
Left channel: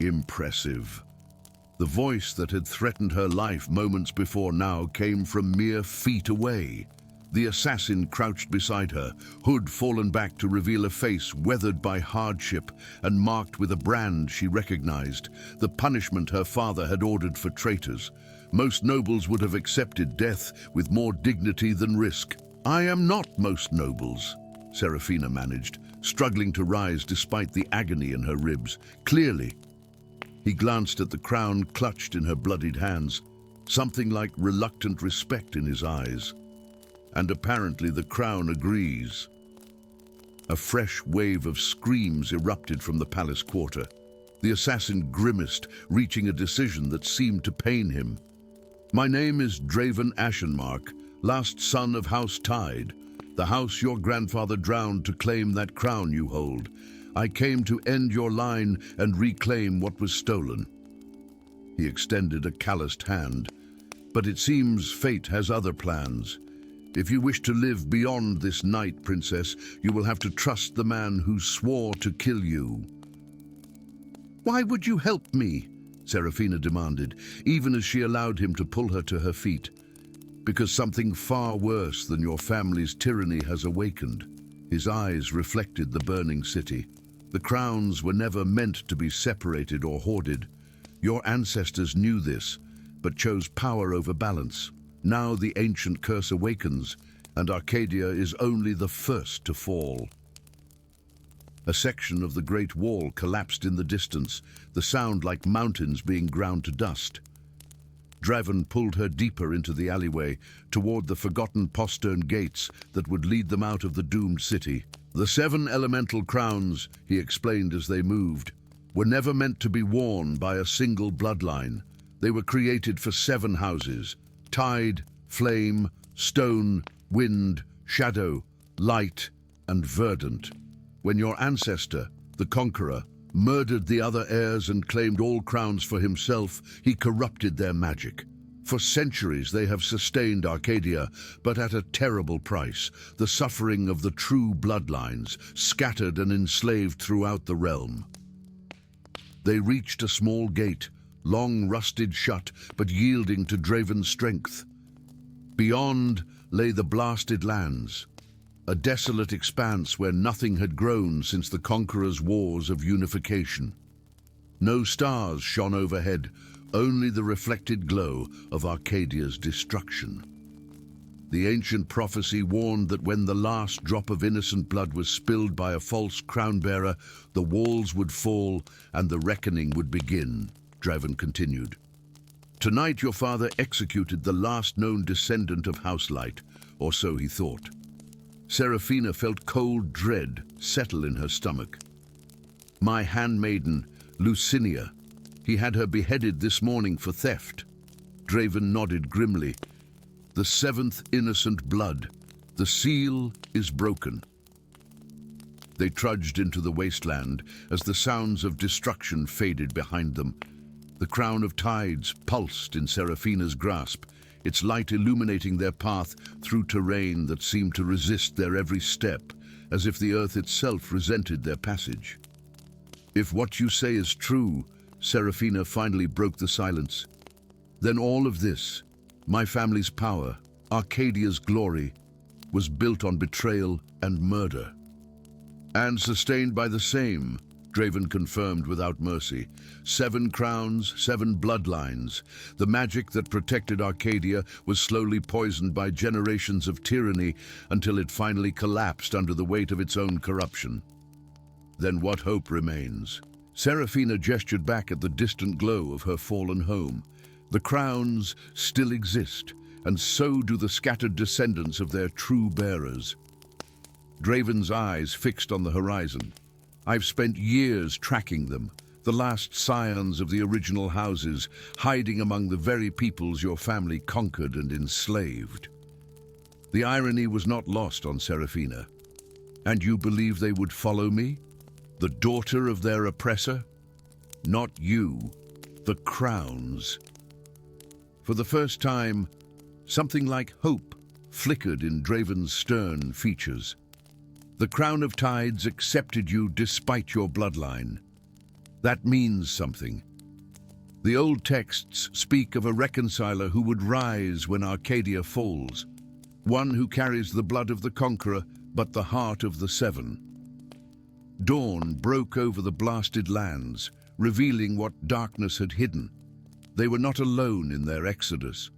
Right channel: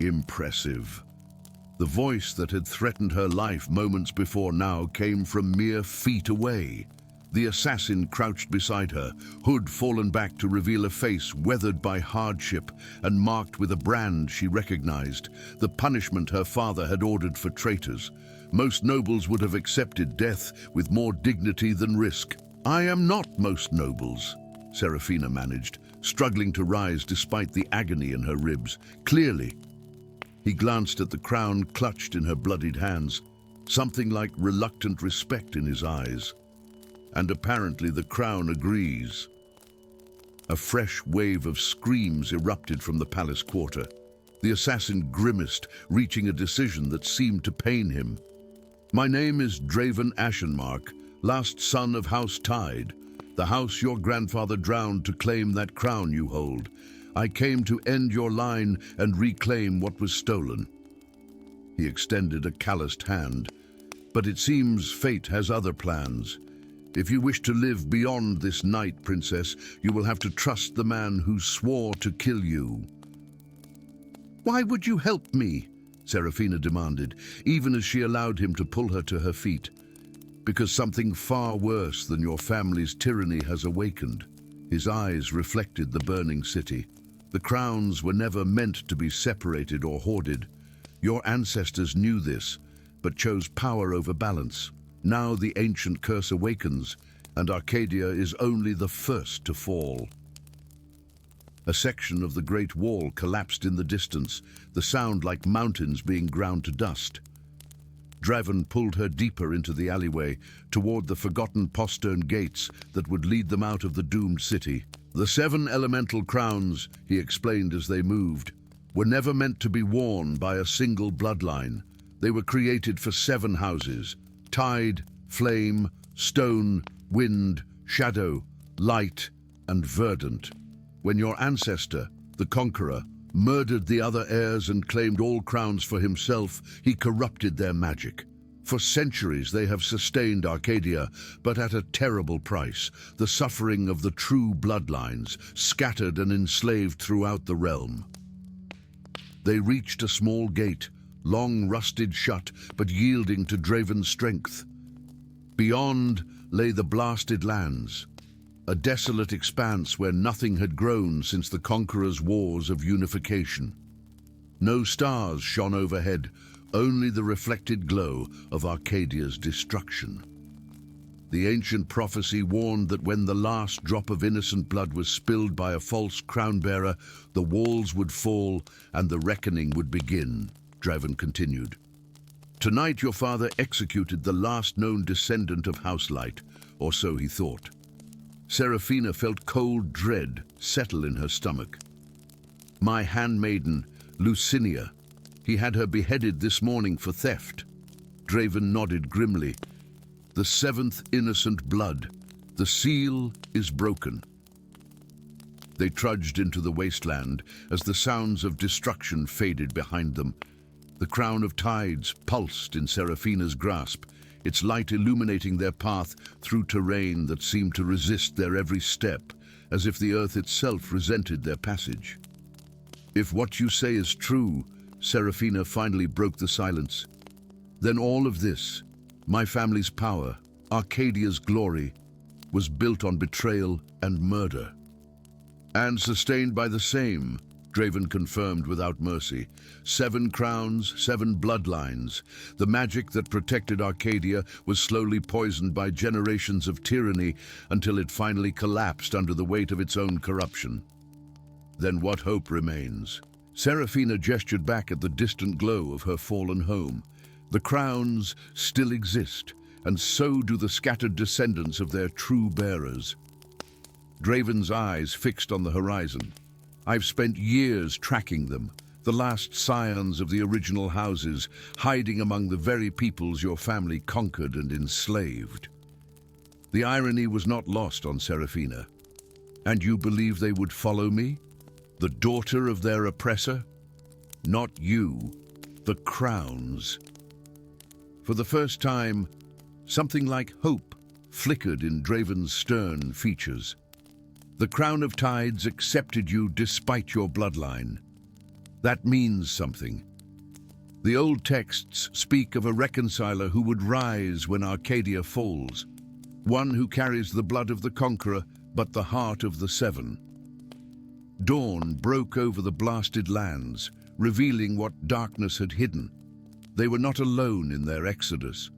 Impressive. The voice that had threatened her life moments before now came from mere feet away. The assassin crouched beside her, hood fallen back to reveal a face weathered by hardship and marked with a brand she recognized, the punishment her father had ordered for traitors. Most nobles would have accepted death with more dignity than risk. "I am not most nobles," Seraphina managed, struggling to rise despite the agony in her ribs. "Clearly." He glanced at the crown clutched in her bloodied hands, something like reluctant respect in his eyes. And apparently the crown agrees. A fresh wave of screams erupted from the palace quarter. The assassin grimaced, reaching a decision that seemed to pain him. "My name is Draven Ashenmark, last son of House Tide, the house your grandfather drowned to claim that crown you hold. I came to end your line and reclaim what was stolen." He extended a calloused hand. "But it seems fate has other plans. If you wish to live beyond this night, Princess, you will have to trust the man who swore to kill you." "Why would you help me?" Seraphina demanded, even as she allowed him to pull her to her feet. "Because something far worse than your family's tyranny has awakened." His eyes reflected the burning city. The crowns were never meant to be separated or hoarded. Your ancestors knew this, but chose power over balance. Now the ancient curse awakens, and Arcadia is only the first to fall. A section of the Great Wall collapsed in the distance, the sound like mountains being ground to dust. Draven pulled her deeper into the alleyway, toward the forgotten postern gates that would lead them out of the doomed city. "The 7 elemental crowns," he explained as they moved, "were never meant to be worn by a single bloodline. They were created for 7 houses: tide, flame, stone, wind, shadow, light, and verdant. When your ancestor, the Conqueror, murdered the other heirs and claimed all crowns for himself, he corrupted their magic. For centuries they have sustained Arcadia, but at a terrible price, the suffering of the true bloodlines, scattered and enslaved throughout the realm." They reached a small gate, long rusted shut, but yielding to Draven's strength. Beyond lay the blasted lands, a desolate expanse where nothing had grown since the Conqueror's wars of unification. No stars shone overhead, only the reflected glow of Arcadia's destruction. The ancient prophecy warned that when the last drop of innocent blood was spilled by a false crown-bearer, the walls would fall and the reckoning would begin. Draven continued. "Tonight your father executed the last known descendant of House Light, or so he thought." Seraphina felt cold dread settle in her stomach. "My handmaiden, Lucinia. He had her beheaded this morning for theft." Draven nodded grimly. "The 7th innocent blood. The seal is broken." They trudged into the wasteland as the sounds of destruction faded behind them. The crown of tides pulsed in Seraphina's grasp, its light illuminating their path through terrain that seemed to resist their every step, as if the earth itself resented their passage. "If what you say is true," Serafina finally broke the silence, "then all of this, my family's power, Arcadia's glory, was built on betrayal and murder." "And sustained by the same," Draven confirmed without mercy. "7 crowns, 7 bloodlines. The magic that protected Arcadia was slowly poisoned by generations of tyranny until it finally collapsed under the weight of its own corruption. Then what hope remains?" Serafina gestured back at the distant glow of her fallen home. "The crowns still exist, and so do the scattered descendants of their true bearers." Draven's eyes fixed on the horizon. "I've spent years tracking them, the last scions of the original houses, hiding among the very peoples your family conquered and enslaved." The irony was not lost on Serafina. "And you believe they would follow me? The daughter of their oppressor? Not you, the crowns." For the first time, something like hope flickered in Draven's stern features. "The Crown of Tides accepted you despite your bloodline. That means something. The old texts speak of a reconciler who would rise when Arcadia falls, one who carries the blood of the conqueror but the heart of the Seven." Dawn broke over the blasted lands, revealing what darkness had hidden. They were not alone in their exodus.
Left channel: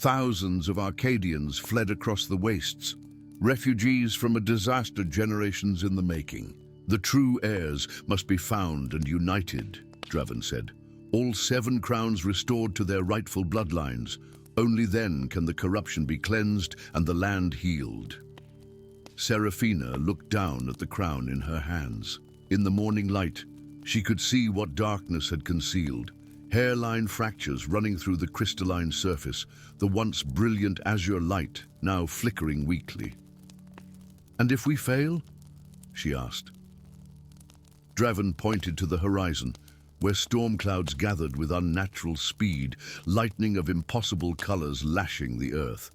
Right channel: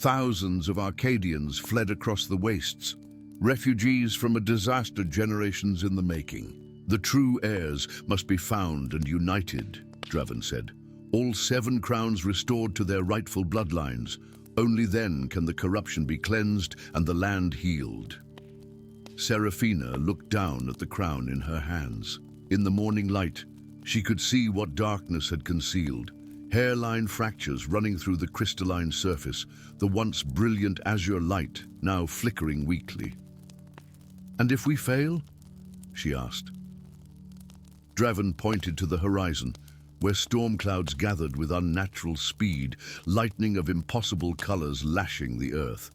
Thousands of Arcadians fled across the wastes, refugees from a disaster generations in the making. "The true heirs must be found and united," Draven said. "All 7 crowns restored to their rightful bloodlines. Only then can the corruption be cleansed and the land healed." Serafina looked down at the crown in her hands. In the morning light, she could see what darkness had concealed. Hairline fractures running through the crystalline surface, the once brilliant azure light now flickering weakly. "And if we fail?" she asked. Draven pointed to the horizon, where storm clouds gathered with unnatural speed, lightning of impossible colors lashing the earth.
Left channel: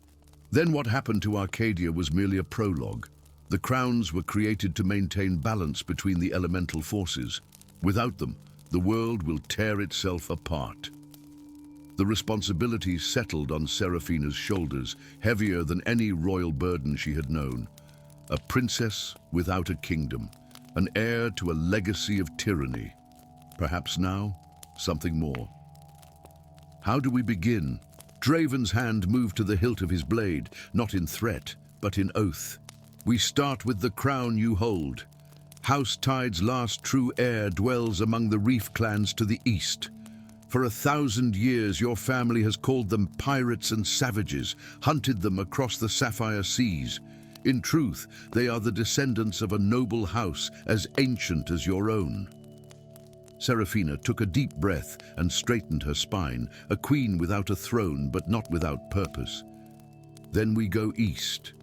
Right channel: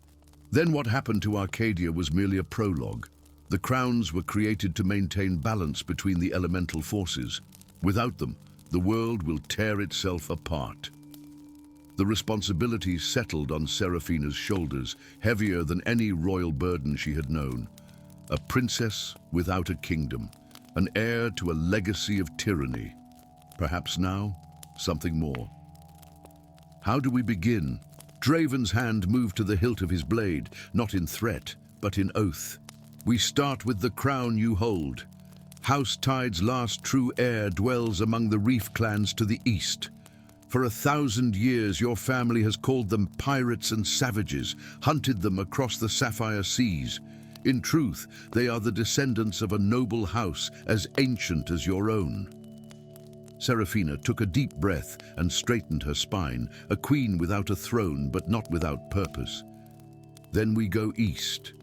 "Then what happened to Arcadia was merely a prologue. The crowns were created to maintain balance between the elemental forces. Without them, the world will tear itself apart." The responsibility settled on Serafina's shoulders, heavier than any royal burden she had known. A princess without a kingdom, an heir to a legacy of tyranny. Perhaps now, something more. "How do we begin?" Draven's hand moved to the hilt of his blade, not in threat, but in oath. "We start with the crown you hold. House Tide's last true heir dwells among the reef clans to the east. For 1,000 years your family has called them pirates and savages, hunted them across the sapphire seas. In truth, they are the descendants of a noble house as ancient as your own." Serafina took a deep breath and straightened her spine, a queen without a throne but not without purpose. "Then we go east.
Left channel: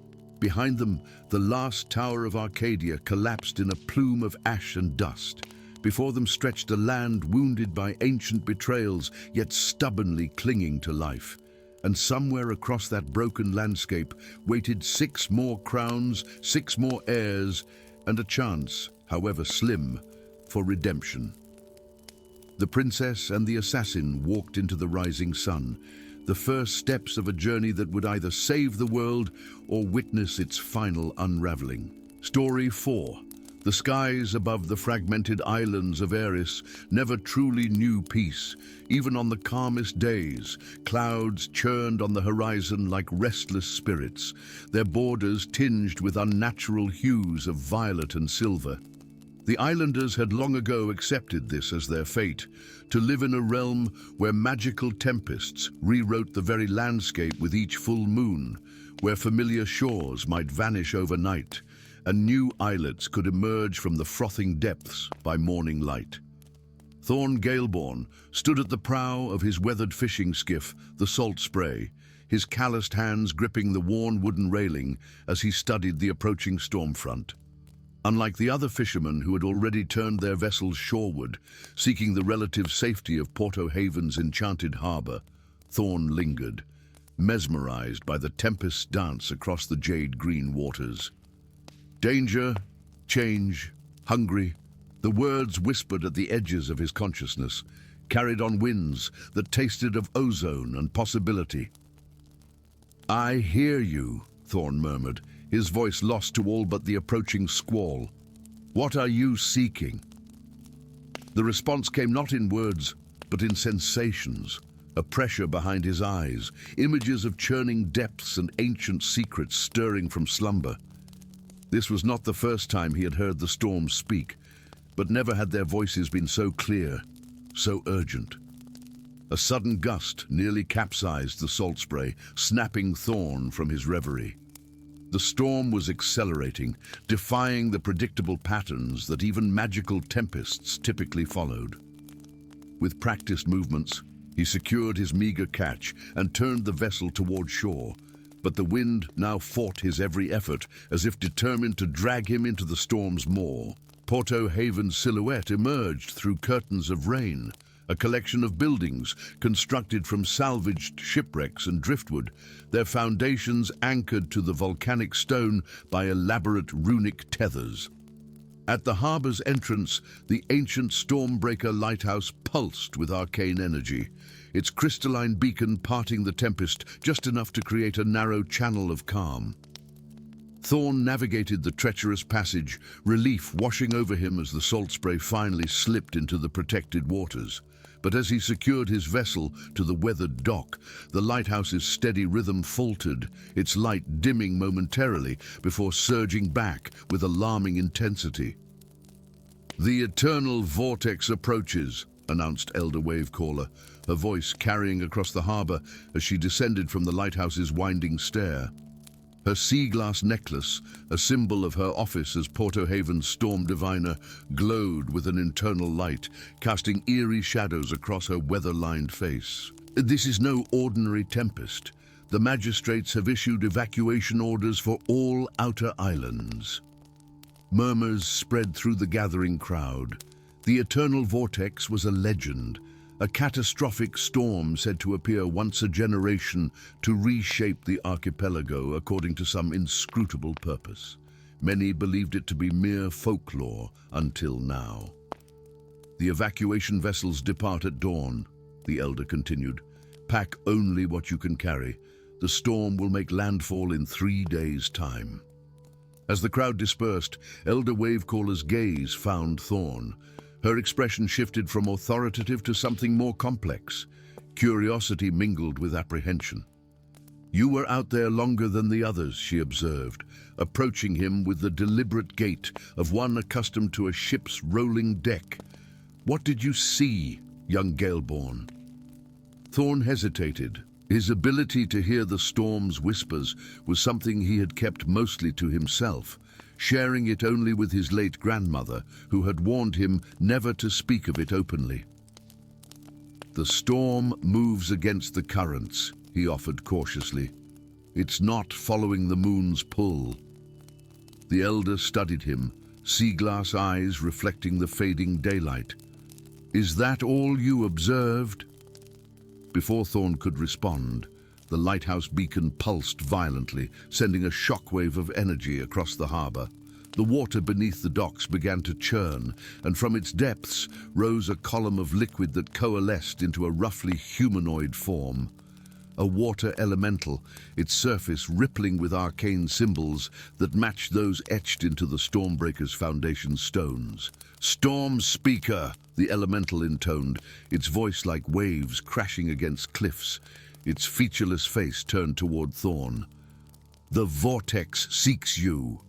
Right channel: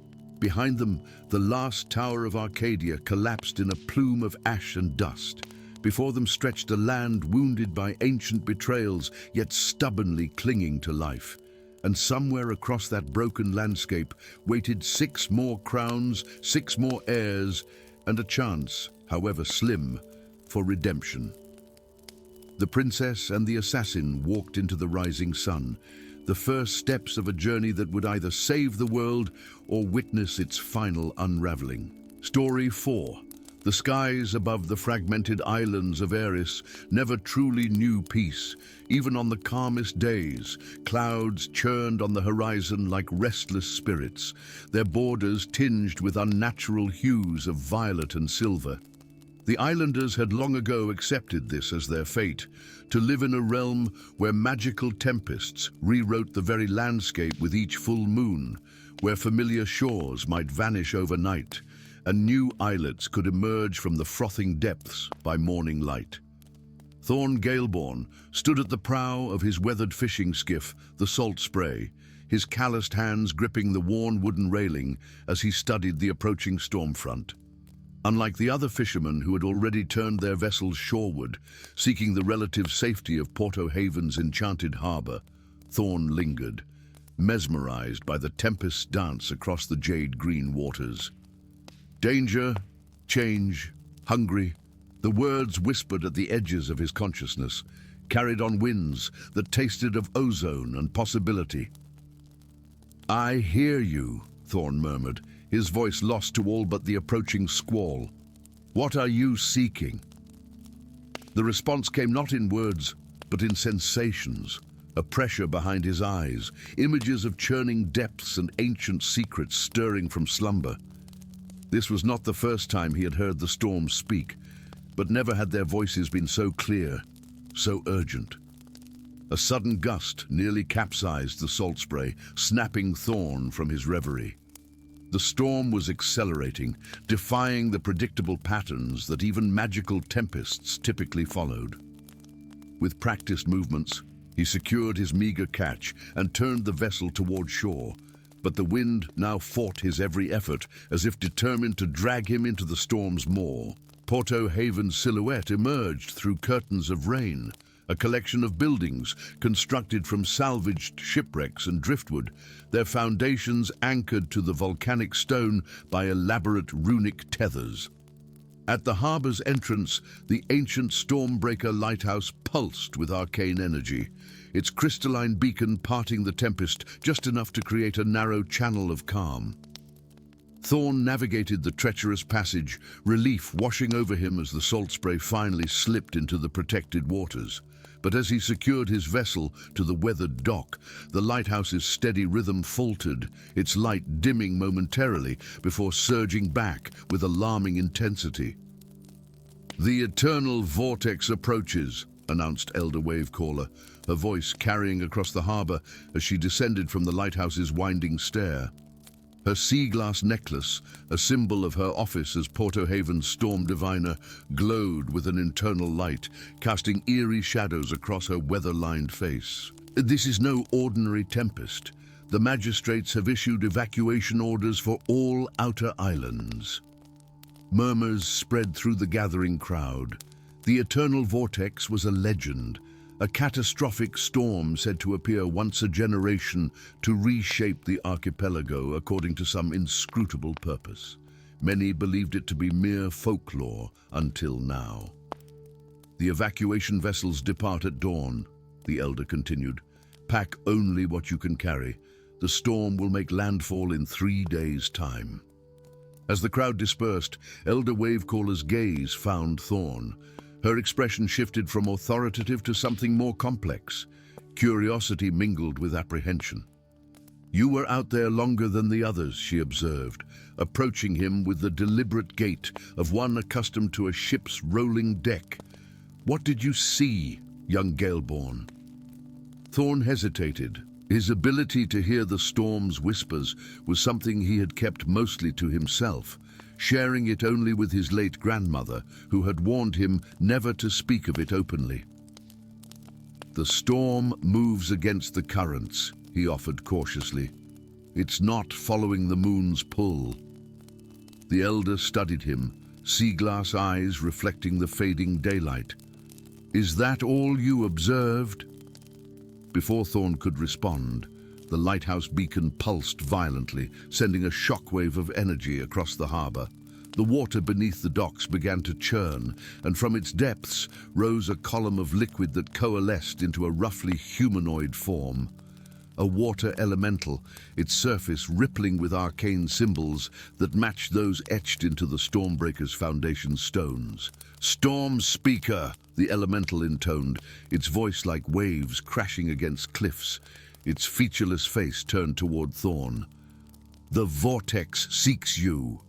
Behind them, the last tower of Arcadia collapsed in a plume of ash and dust. Before them stretched a land wounded by ancient betrayals, yet stubbornly clinging to life. And somewhere across that broken landscape waited 6 more crowns, 6 more heirs, and a chance, however slim, for redemption." The princess and the assassin walked into the rising sun, the first steps of a journey that would either save the world or witness its final unraveling. Story 4. The skies above the fragmented islands of Eris never truly knew peace. Even on the calmest days, clouds churned on the horizon like restless spirits, their borders tinged with unnatural hues of violet and silver. The islanders had long ago accepted this as their fate, to live in a realm where magical tempests rewrote the very landscape with each full moon, where familiar shores might vanish overnight, and new islets could emerge from the frothing depths by morning light. Thorn Galeborn stood at the prow of his weathered fishing skiff, the Salt Spray, his calloused hands gripping the worn wooden railing as he studied the approaching storm front. Unlike the other fishermen who had already turned their vessels shoreward, seeking the relative safety of Porto Haven's enchanted harbor, Thorn lingered, mesmerized by the tempest's dance across the jade-green waters. Danger change, hungry, the words whispered at the edges of his consciousness, carried on winds that tasted of ozone and possibility. "I hear you," Thorn murmured, his voice lost to all but the approaching squall. "What are you seeking?" The response came not in words, but in sensations, a pressure behind his eyes, images of churning depths and ancient secrets stirring from slumber. This was not the first time he had heard the storms speak, but never had their voices been so clear, so urgent. A sudden gust nearly capsized the salt spray, snapping Thorn from his reverie. The storm was accelerating, defying the predictable patterns that even magical tempests typically followed. With practiced movements, he secured his meager catch and turned the vessel toward shore, but the wind now fought his every effort as if determined to drag him into the storm's maw. Porto Haven's silhouette emerged through curtains of rain, a collection of buildings constructed from salvaged shipwrecks and driftwood, their foundations anchored to the volcanic stone by elaborate runic tethers. At the harbor's entrance, the ancient Stormbreaker lighthouse pulsed with arcane energy, its crystalline beacon parting the tempest just enough to create a narrow channel of calm. Thorn navigated the treacherous passage, relief washing over him as the salt spray finally slipped into the protected waters. But as he secured his vessel to the weathered dock, the lighthouse's steady rhythm faltered, its light dimming momentarily before surging back with alarming intensity. "The eternal vortex approaches," announced Elder Wavecaller, her voice carrying across the harbor as she descended from the lighthouse's winding stair. Her sea glass necklace, a symbol of her office as Porto Haven's storm diviner, glowed with an internal light, casting eerie shadows across her weather-lined face. "This is no ordinary tempest. The magistrates have issued evacuation orders for all outer islands." Murmurs spread through the gathering crowd. The eternal vortex was a legend, a catastrophic storm said to appear once a generation to reshape the archipelago according to some inscrutable purpose. Many believed it to be mere folklore until now. "The evacuation vessels depart at dawn," the Elder continued. "Pack only what you can carry. The storm will make landfall in 3 days' time." As the crowd dispersed, Elder Wavecaller's gaze found Thorn. Her expression shifted from authoritative to something more complex. Curiosity mingled with apprehension. "You were out there longer than the others," she observed, approaching him with the deliberate gait of one accustomed to a ship's rolling deck. "What did you see, young Galeborn?" Thorn hesitated. His ability to hear the storm's whispers was something he had kept mostly to himself, sharing it only with his late grandmother, who had warned him never to speak of it openly. "The storm moves against the currents," he offered cautiously. "It's not following the moon's pull." The Elder studied him, sea-glass eyes reflecting the fading daylight. "Is that all you observed?" Before Thorn could respond, the lighthouse beacon pulsed violently, sending a shockwave of energy across the harbor. The water beneath the docks began to churn, and from its depths rose a column of liquid that coalesced into a roughly humanoid form. A water elemental, its surface rippling with arcane symbols that matched those etched into the Stormbreaker's foundation stones. "Storm Speaker," the elemental intoned, its voice like waves crashing against cliffs, its featureless face turned toward Thorn. "The vortex seeks you."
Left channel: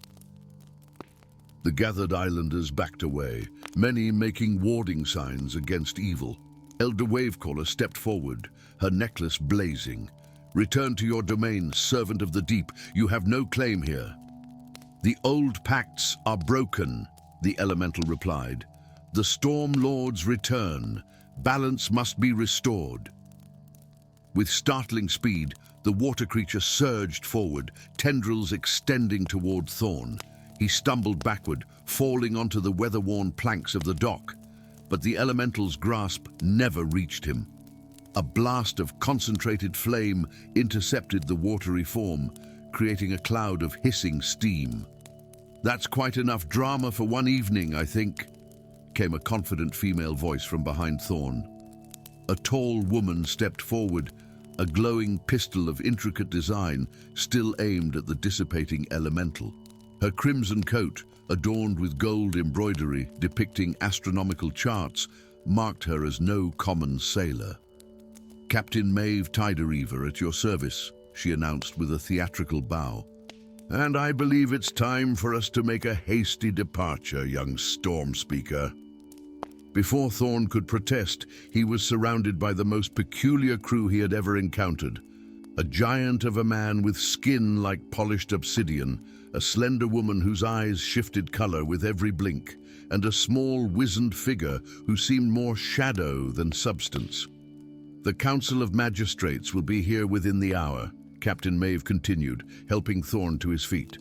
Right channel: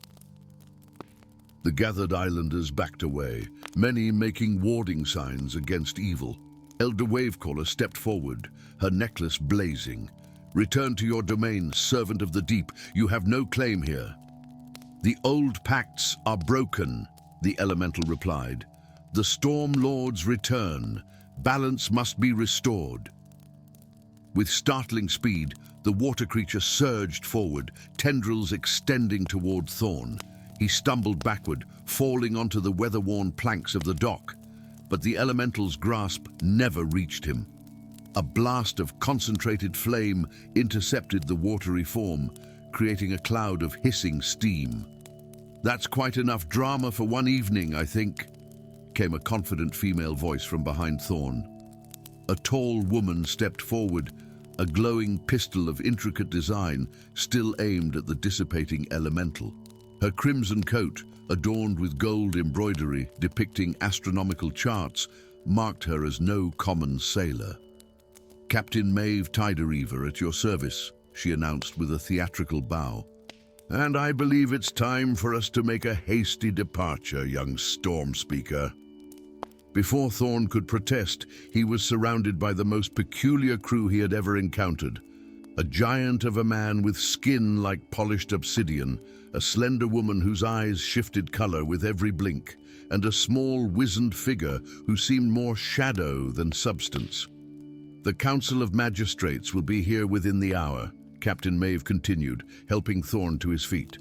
The gathered islanders backed away, many making warding signs against evil. Elder Wavecaller stepped forward, her necklace blazing. "Return to your domain, servant of the deep. You have no claim here." "The old pacts are broken," the elemental replied. "The Storm Lords return. Balance must be restored." With startling speed, the water creature surged forward, tendrils extending toward Thorn. He stumbled backward, falling onto the weather-worn planks of the dock. But the elemental's grasp never reached him. A blast of concentrated flame intercepted the watery form, creating a cloud of hissing steam. That's quite enough drama for one evening, I think, came a confident female voice from behind Thorn. A tall woman stepped forward, a glowing pistol of intricate design still aimed at the dissipating elemental. Her crimson coat, adorned with gold embroidery depicting astronomical charts, marked her as no common sailor. "Captain Maeve Tidereaver at your service," she announced with a theatrical bow. "And I believe it's time for us to make a hasty departure, young storm speaker." Before Thorn could protest, he was surrounded by the most peculiar crew he had ever encountered. A giant of a man with skin like polished obsidian, a slender woman whose eyes shifted color with every blink, and a small, wizened figure who seemed more shadow than substance. "The Council of Magistrates will be here within the hour," Captain Maeve continued, helping Thorn to his feet.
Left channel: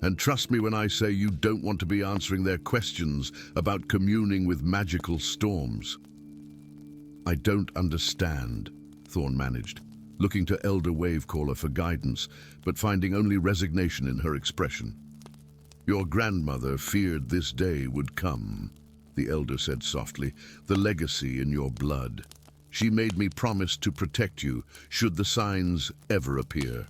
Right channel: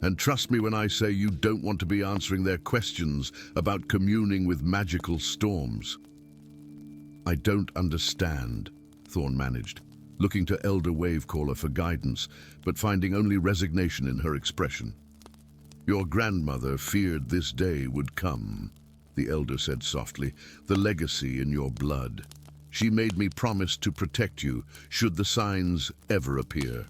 "And trust me when I say you don't want to be answering their questions about communing with magical storms." "I don't understand," Thorn managed, looking to Elder Wavecaller for guidance, but finding only resignation in her expression. "Your grandmother feared this day would come," the Elder said softly, "the legacy in your blood. She made me promise to protect you, should the signs ever appear."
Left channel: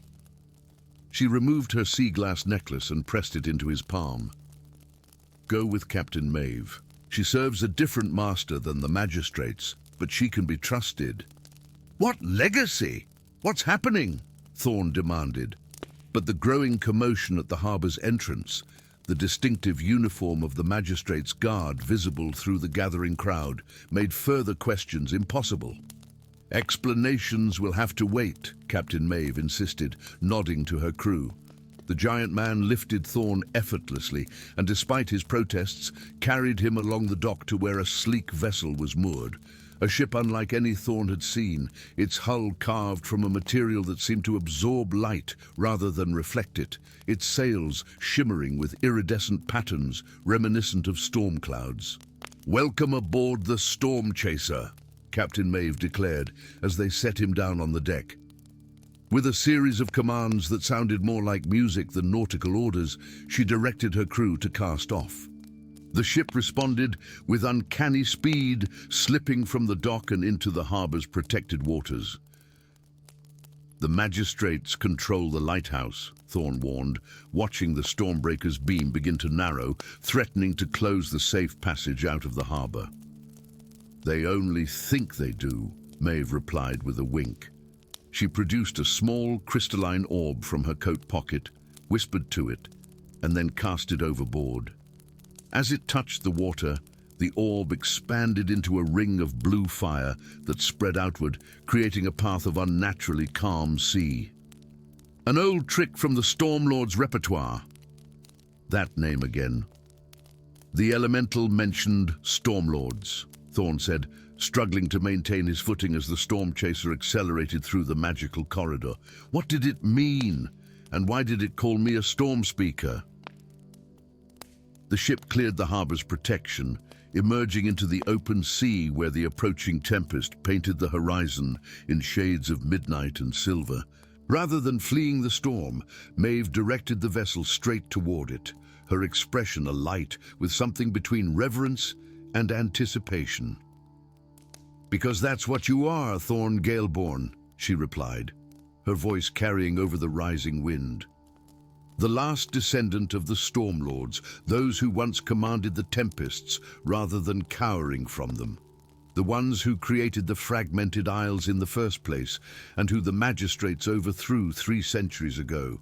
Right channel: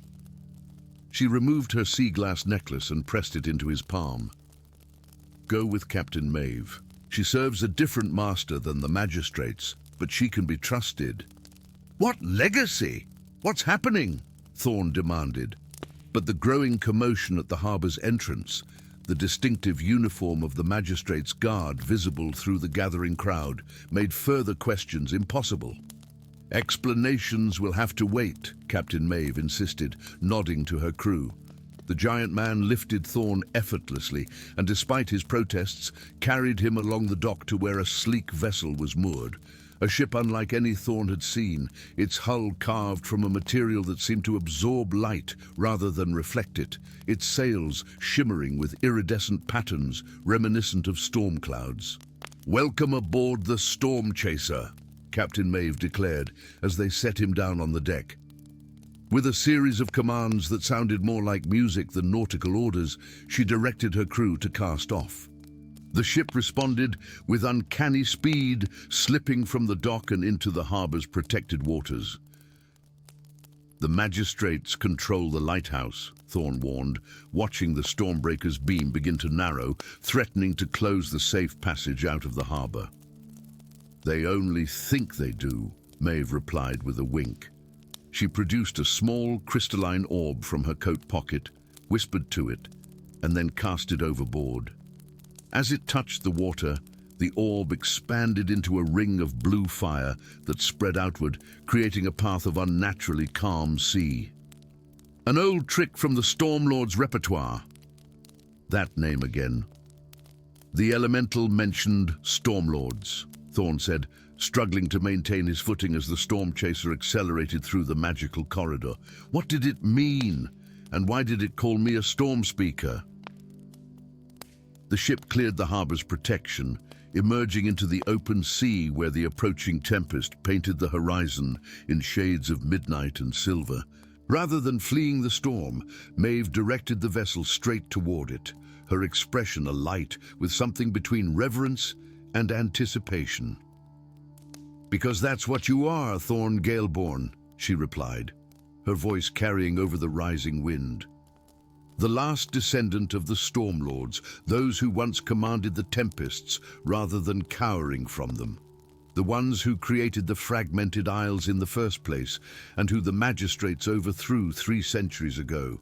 She removed her sea glass necklace and pressed it into his palm. "Go with Captain Maeve. She serves a different master than the magistrates, but she can be trusted." "What legacy? What's happening?" Thorn demanded. But the growing commotion at the harbor's entrance, the distinctive uniform of the magistrate's guard visible through the gathering crowd, made further questions impossible. "Explanations will have to wait," Captain Maeve insisted, nodding to her crew. The giant man lifted Thorn effortlessly, and despite his protests, carried him along the dock to where a sleek vessel was moored. A ship unlike any Thorn had seen, its hull carved from a material that seemed to absorb light rather than reflect it, its sails shimmering with iridescent patterns reminiscent of storm clouds. "Welcome aboard the Storm Chaser," Captain Maeve declared as they set him down on the deck. With a series of commands that sounded more like music than nautical orders, she directed her crew to cast off. The ship responded with uncanny speed, slipping from the dock and into the harbor's protected waters. "The magistrates control the lighthouse," Thorn warned, watching the Stormbreaker's beam begin to narrow, threatening to close the safe passage out of the harbor. "They only think they do," Maeve replied with a wink. She produced a small crystalline orb from her coat pocket, whispered to it, and then cast it overboard. As it touched the water, the orb expanded into a ring of blue fire that spread outward, creating a path of unnaturally calm sea. "An old trick from the Stormlord's repertoire." That name again. "The elemental mentioned Stormlords," Thorn said, struggling to maintain his footing as the storm chaser accelerated through the magical corridor. "What did it mean? And why did it call me a storm speaker?" The ship cleared the harbor's protection, emerging into the open sea where the approaching tempest painted the horizon in shades of midnight and silver. Rather than fleeing the storm, Maeve directed the vessel straight toward it, her expression alight with something between reverence and anticipation. "Because that's what you are, Thorn Galeborn," she replied, her voice carrying over the rising wind. "The last descendant of the Stormlords, those who once commanded the tempests rather than cowering from them. The ones who created the Fragmented Isles in the first place, and who the magistrates overthrew 3 centuries ago."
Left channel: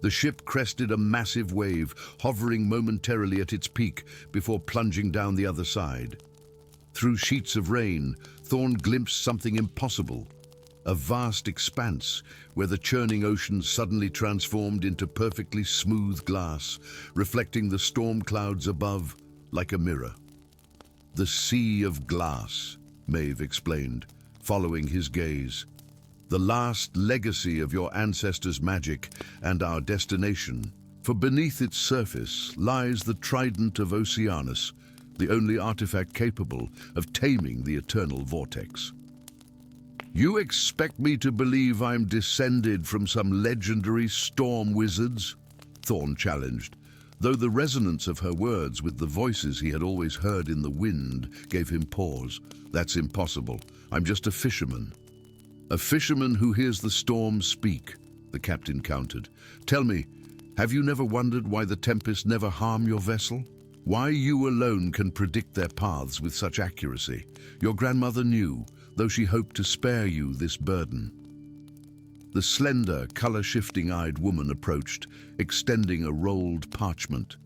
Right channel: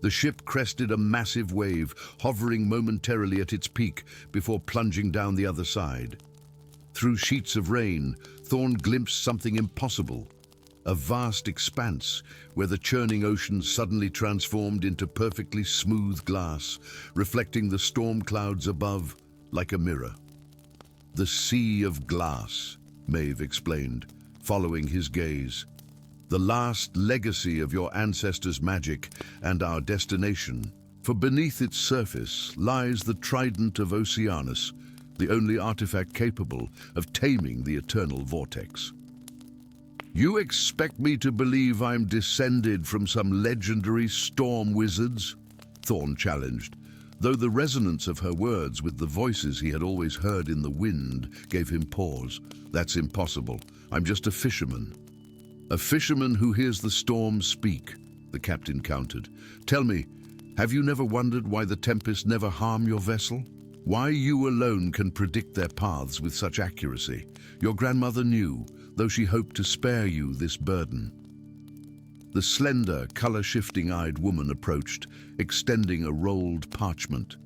The ship crested a massive wave, hovering momentarily at its peak before plunging down the other side. Through sheets of rain, Thorn glimpsed something impossible. A vast expanse where the churning ocean suddenly transformed into perfectly smooth glass, reflecting the storm clouds above like a mirror. "The Sea of Glass," Maeve explained, following his gaze. "The last legacy of your ancestors' magic and our destination, for beneath its surface lies the Trident of Oceanus, the only artifact capable of taming the eternal vortex." "You expect me to believe I'm descended from some legendary storm wizards?" Thorn challenged. though the resonance of her words with the voices he had always heard in the wind gave him pause. "That's impossible. I'm just a fisherman." "A fisherman who hears the storm speak," the captain countered. "Tell me, have you never wondered why the tempests never harm your vessel? Why you alone can predict their paths with such accuracy? Your grandmother knew, though she hoped to spare you this burden." The slender, color-shifting-eyed woman approached, extending a rolled parchment.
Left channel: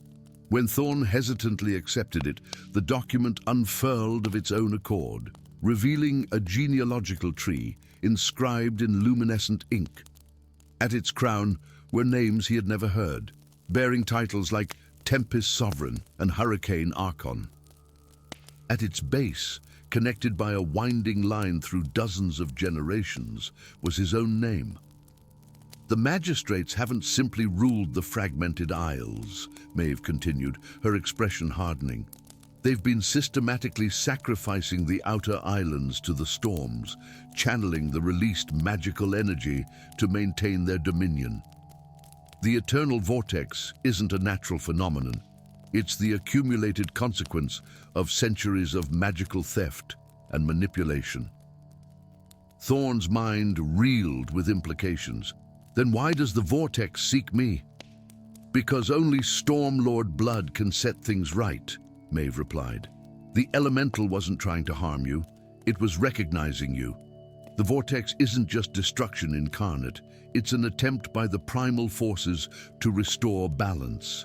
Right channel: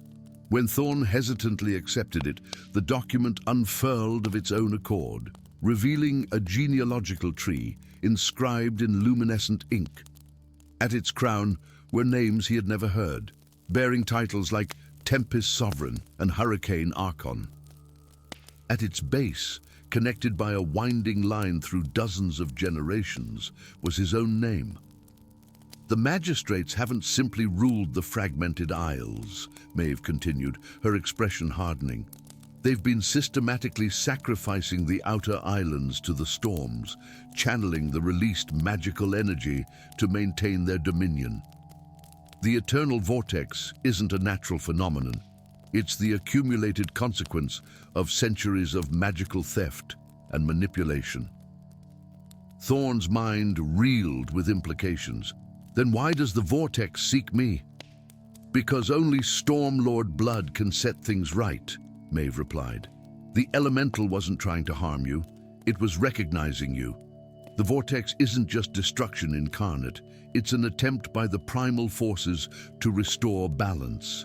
When Thorn hesitantly accepted it, the document unfurled of its own accord, revealing a genealogical tree inscribed in luminescent ink. At its crown were names he had never heard, bearing titles like Tempest Sovereign and Hurricane Archon. At its base, connected by a winding line through dozens of generations, was his own name. "The magistrates haven't simply ruled the Fragmented Isles," Maeve continued, her expression hardening. "They've been systematically sacrificing the outer islands to the storms, channeling the released magical energy to maintain their dominion. The eternal vortex isn't a natural phenomenon. It's the accumulated consequence of centuries of magical theft and manipulation." Thorn's mind reeled with implications. "Then why does the vortex seek me?" "Because only Stormlord blood can set things right," Maeve replied. "The elemental wasn't trying to harm you. It was recognizing you. The vortex isn't just destruction incarnate. It's an attempt by the primal forces to restore balance."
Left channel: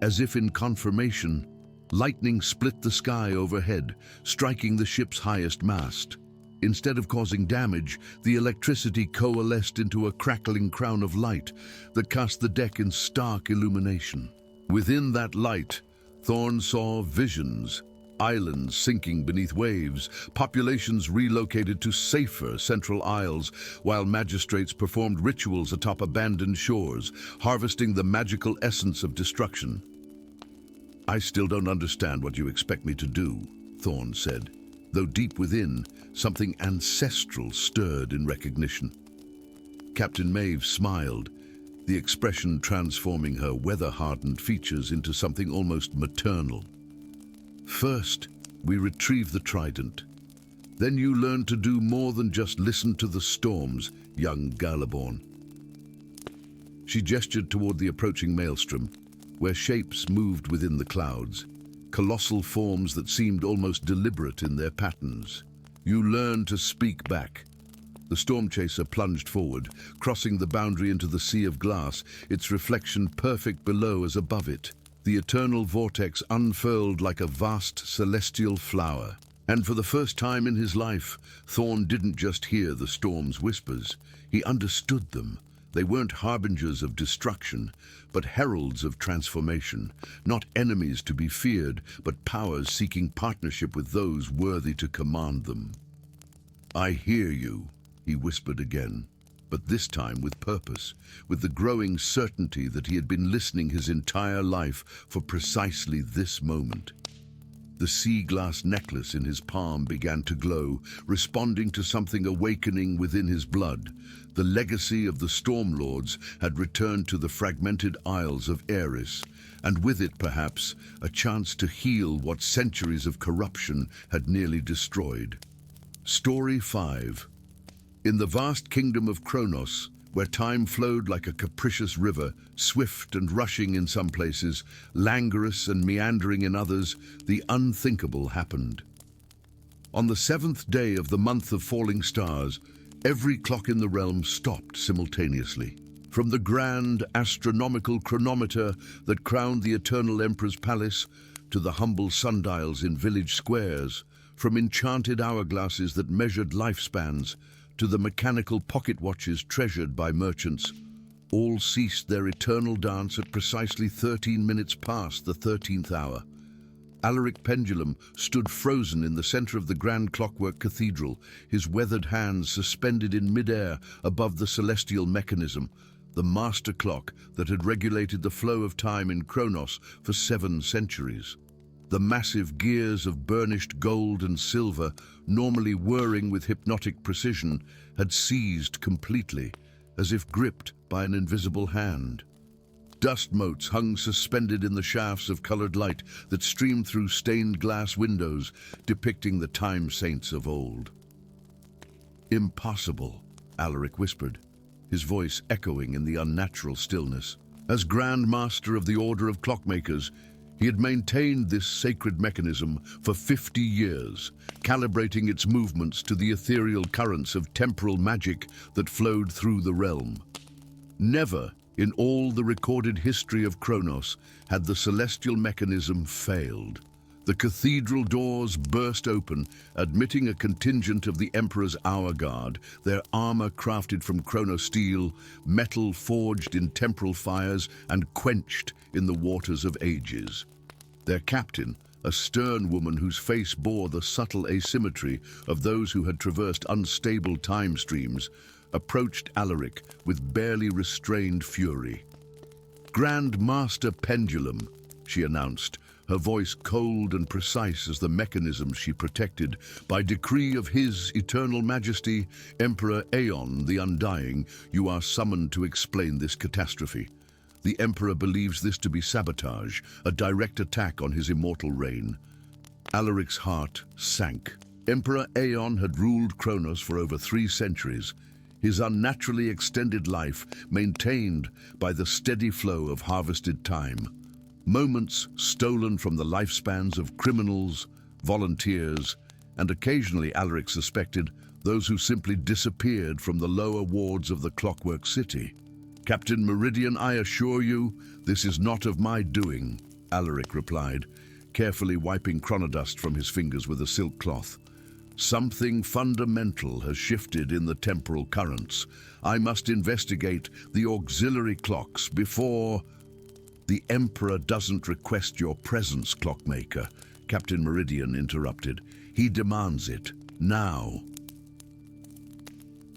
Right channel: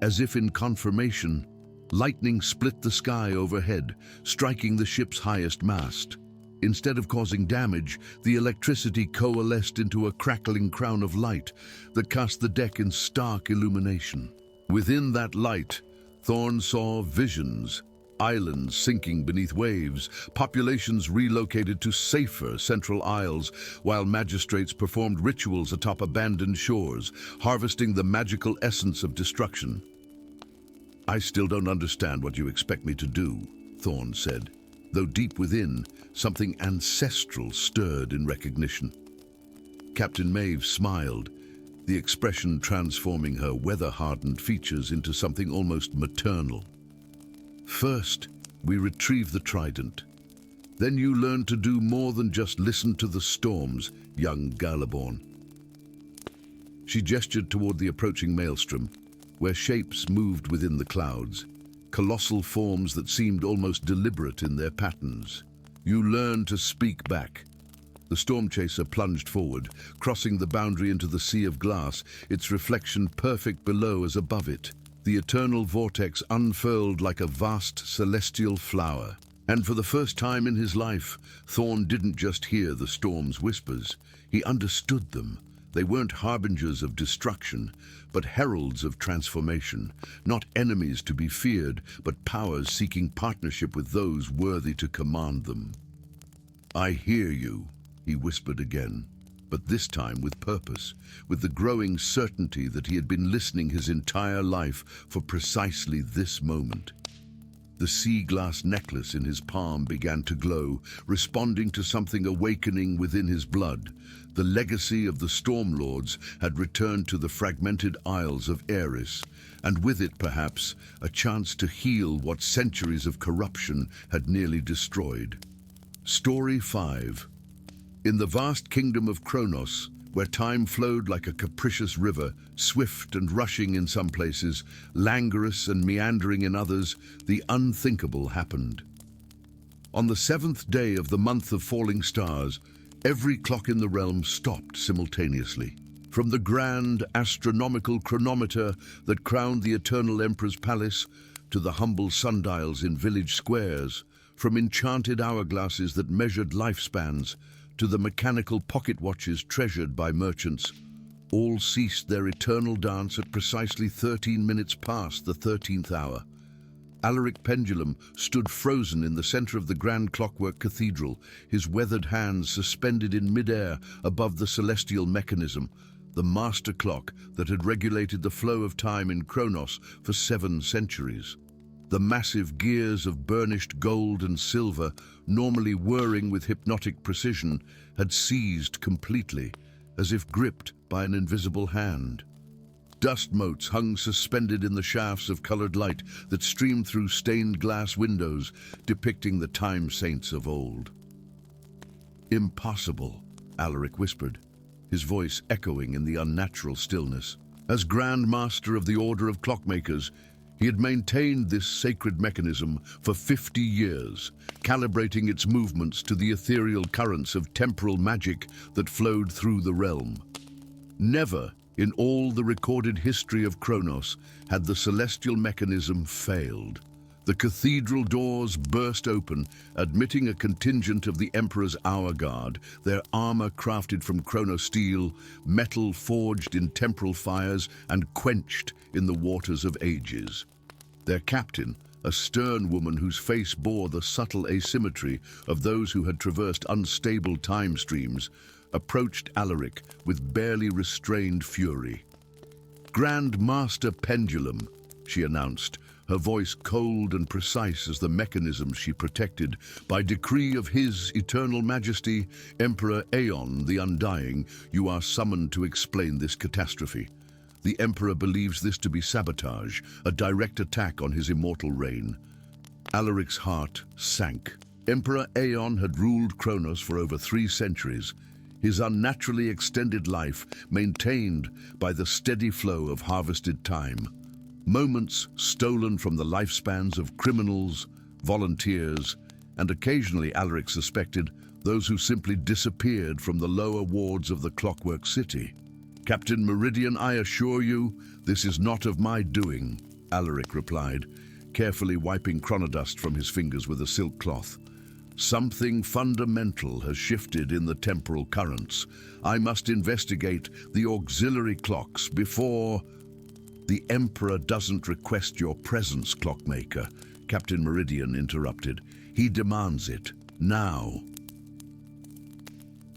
As if in confirmation, lightning split the sky overhead, striking the ship's highest mast. Instead of causing damage, the electricity coalesced into a crackling crown of light that cast the deck in stark illumination. Within that light, Thorn saw visions: islands sinking beneath waves, populations relocated to safer central isles, while magistrates performed rituals atop abandoned shores, harvesting the magical essence of destruction. "I still don't understand what you expect me to do," Thorn said, though deep within, something ancestral stirred in recognition. Captain Maeve smiled, the expression transforming her weather-hardened features into something almost maternal. "First, we retrieve the trident. Then you learn to do more than just listen to the storms, young Galaborn." She gestured toward the approaching maelstrom, where shapes moved within the clouds, colossal forms that seemed almost deliberate in their patterns. "You learn to speak back." The storm chaser plunged forward, crossing the boundary into the sea of glass, its reflection perfect below as above it. The eternal vortex unfurled like a vast celestial flower. And for the first time in his life, Thorn didn't just hear the storm's whispers. He understood them. They weren't harbingers of destruction, but heralds of transformation. Not enemies to be feared, but powers seeking partnership with those worthy to command them. "I hear you," he whispered again, but this time with purpose, with the growing certainty that he had been listening his entire life for precisely this moment. The sea glass necklace in his palm began to glow, responding to something awakening within his blood. The legacy of the Stormlords had returned to the Fragmented Isles of Eris, and with it, perhaps, a chance to heal what centuries of corruption had nearly destroyed. Story 5. In the vast kingdom of Kronos, where time flowed like a capricious river, swift and rushing in some places, languorous and meandering in others, the unthinkable happened. On the 7th day of the month of falling stars, every clock in the realm stopped simultaneously. From the grand astronomical chronometer that crowned the Eternal Emperor's palace, to the humble sundials in village squares, from enchanted hourglasses that measured lifespans, to the mechanical pocket watches treasured by merchants, all ceased their eternal dance at precisely 13 minutes past the 13th hour. Alaric Pendulum stood frozen in the center of the grand clockwork cathedral, his weathered hands suspended in midair above the celestial mechanism, the master clock that had regulated the flow of time in Kronos for 7 centuries. The massive gears of burnished gold and silver, normally whirring with hypnotic precision, had seized completely, as if gripped by an invisible hand. Dust motes hung suspended in the shafts of colored light that streamed through stained glass windows, depicting the time saints of old. "Impossible," Alaric whispered, his voice echoing in the unnatural stillness. As Grand Master of the Order of Clockmakers, he had maintained this sacred mechanism for 50 years, calibrating its movements to the ethereal currents of temporal magic that flowed through the realm. Never, in all the recorded history of Kronos, had the celestial mechanism failed. The cathedral doors burst open, admitting a contingent of the Emperor's Hour Guard, their armor crafted from chronosteel, metal forged in temporal fires and quenched in the waters of ages. Their captain, a stern woman whose face bore the subtle asymmetry of those who had traversed unstable time streams, approached Alaric with barely restrained fury. "Grand Master Pendulum," she announced, her voice cold and precise as the mechanism she protected. "By decree of His Eternal Majesty, Emperor Aeon the Undying, you are summoned to explain this catastrophe. The Emperor believes this to be sabotage, a direct attack on his immortal reign." Alaric's heart sank. Emperor Aeon had ruled Kronos for over 3 centuries, his unnaturally extended life maintained by the steady flow of harvested time. Moments stolen from the lifespans of criminals, volunteers, and occasionally, Alaric suspected, those who simply disappeared from the lower wards of the Clockwork City. "Captain Meridian, I assure you, this is not of my doing," Alaric replied, carefully wiping chronodust from his fingers with a silk cloth. "Something fundamental has shifted in the temporal currents. I must investigate the auxiliary clocks before—" "The Emperor doesn't request your presence, Clockmaker," Captain Meridian interrupted. "He demands it, now."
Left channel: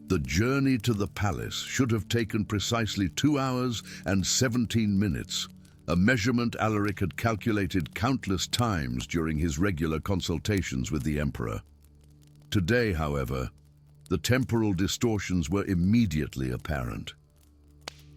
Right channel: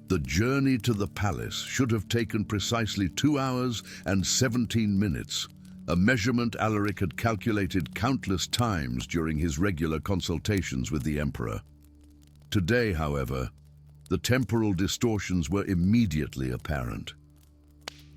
The journey to the palace should have taken precisely 2 hours and 17 minutes, a measurement Alaric had calculated countless times during his regular consultations with the Emperor. Today, however, the temporal distortions were immediately apparent.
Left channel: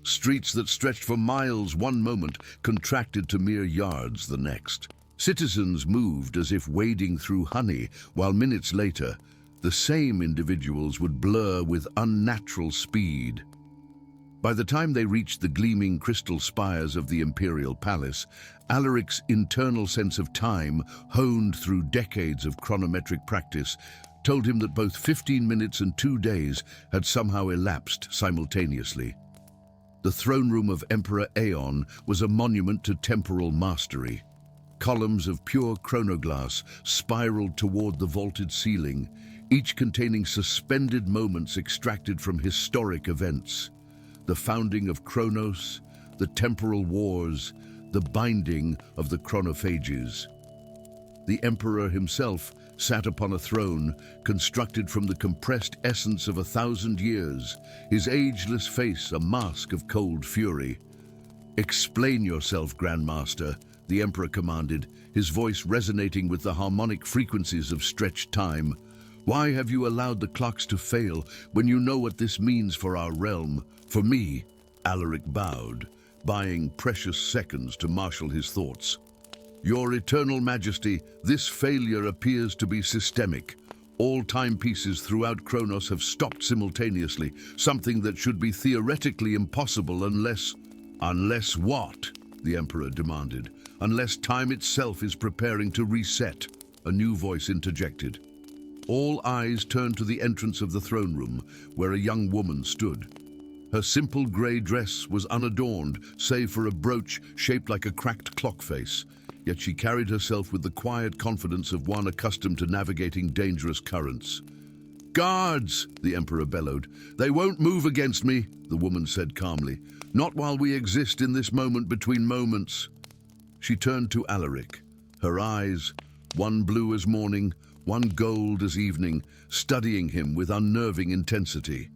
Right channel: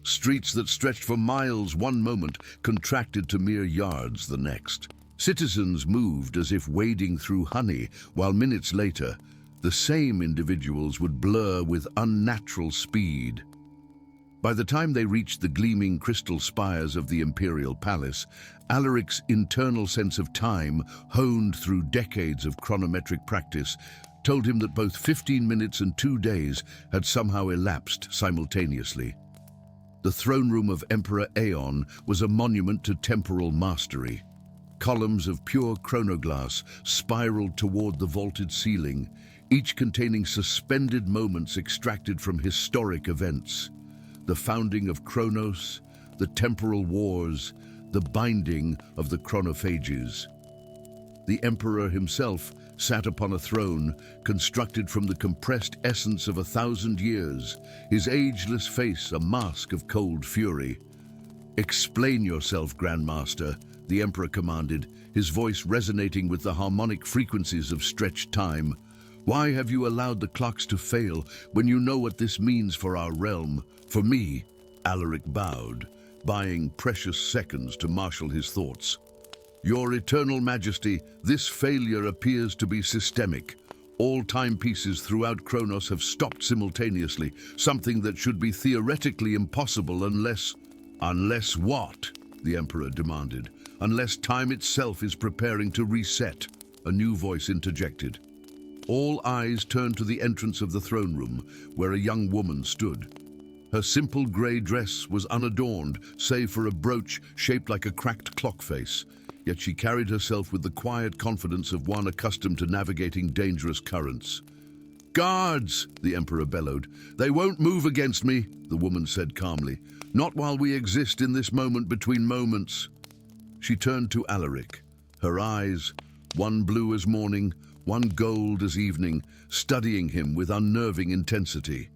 Streets that stretched for miles one moment contracted to mere yards the next. Citizens moved as if wading through honey, while minutes later, the same individuals would blur with unnatural speed. By the time they reached the gleaming crystal spires of the Imperial Palace, Alaric's internal sense of time, honed through decades of chronometric practice, told him that both 15 minutes and 2 days had somehow elapsed simultaneously. The throne room of Emperor Aeon was a monument to temporal mastery. Columns of pure chronoglass spiraled toward the vaulted ceiling, each containing suspended moments extracted from historic events. The founding of Kronos, the temporal wars, the binding of the chronophages. The Emperor himself sat upon a throne constructed from the compressed essence of 1,000 years, his ageless face a mask of cold fury. "Explain yourself, Grand Master," the Emperor commanded, his voice resonating with the harmonic frequencies of stretched time. "Why have you allowed the clocks to fail when you know what this means for our realm? For me," Alaric bowed, buying precious seconds to marshal his thoughts. "Your Eternal Majesty, this failure appears to be systemic. All timepieces throughout Kronos have stopped simultaneously, something that should be theoretically impossible unless—" "Unless what?" the Emperor demanded. "Unless time itself is preparing to reset," a new voice interjected. All eyes turned to the entrance of the throne room, where a young woman stood. Her simple grey dress was unadorned, save for a brooch shaped like a cracked clock face. Yet she carried herself with the quiet confidence of one accustomed to navigating dangerous currents. "Guards!" the Emperor bellowed. "They won't move against me," the woman said calmly. "Not while we exist in this moment between moments." She turned to Alaric, her eyes, one blue as morning, one gold as evening, studying him with unnerving intensity.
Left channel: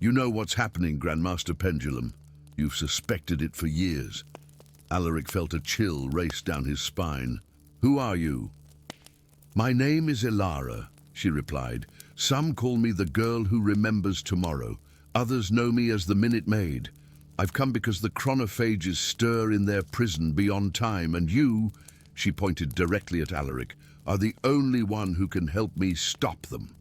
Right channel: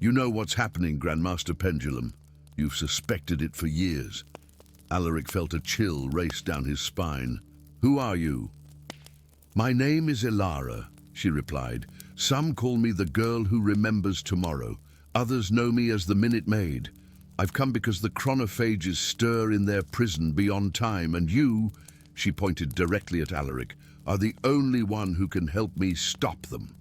"You know what's happening, Grandmaster Pendulum. You've suspected it for years." Alaric felt a chill race down his spine. "Who are you?" "My name is Elara," she replied. "Some call me the girl who remembers tomorrow. Others know me as the Minute Maid. I've come because the chronophages stir in their prison beyond time, and you," she pointed directly at Alaric, "are the only one who can help me stop them."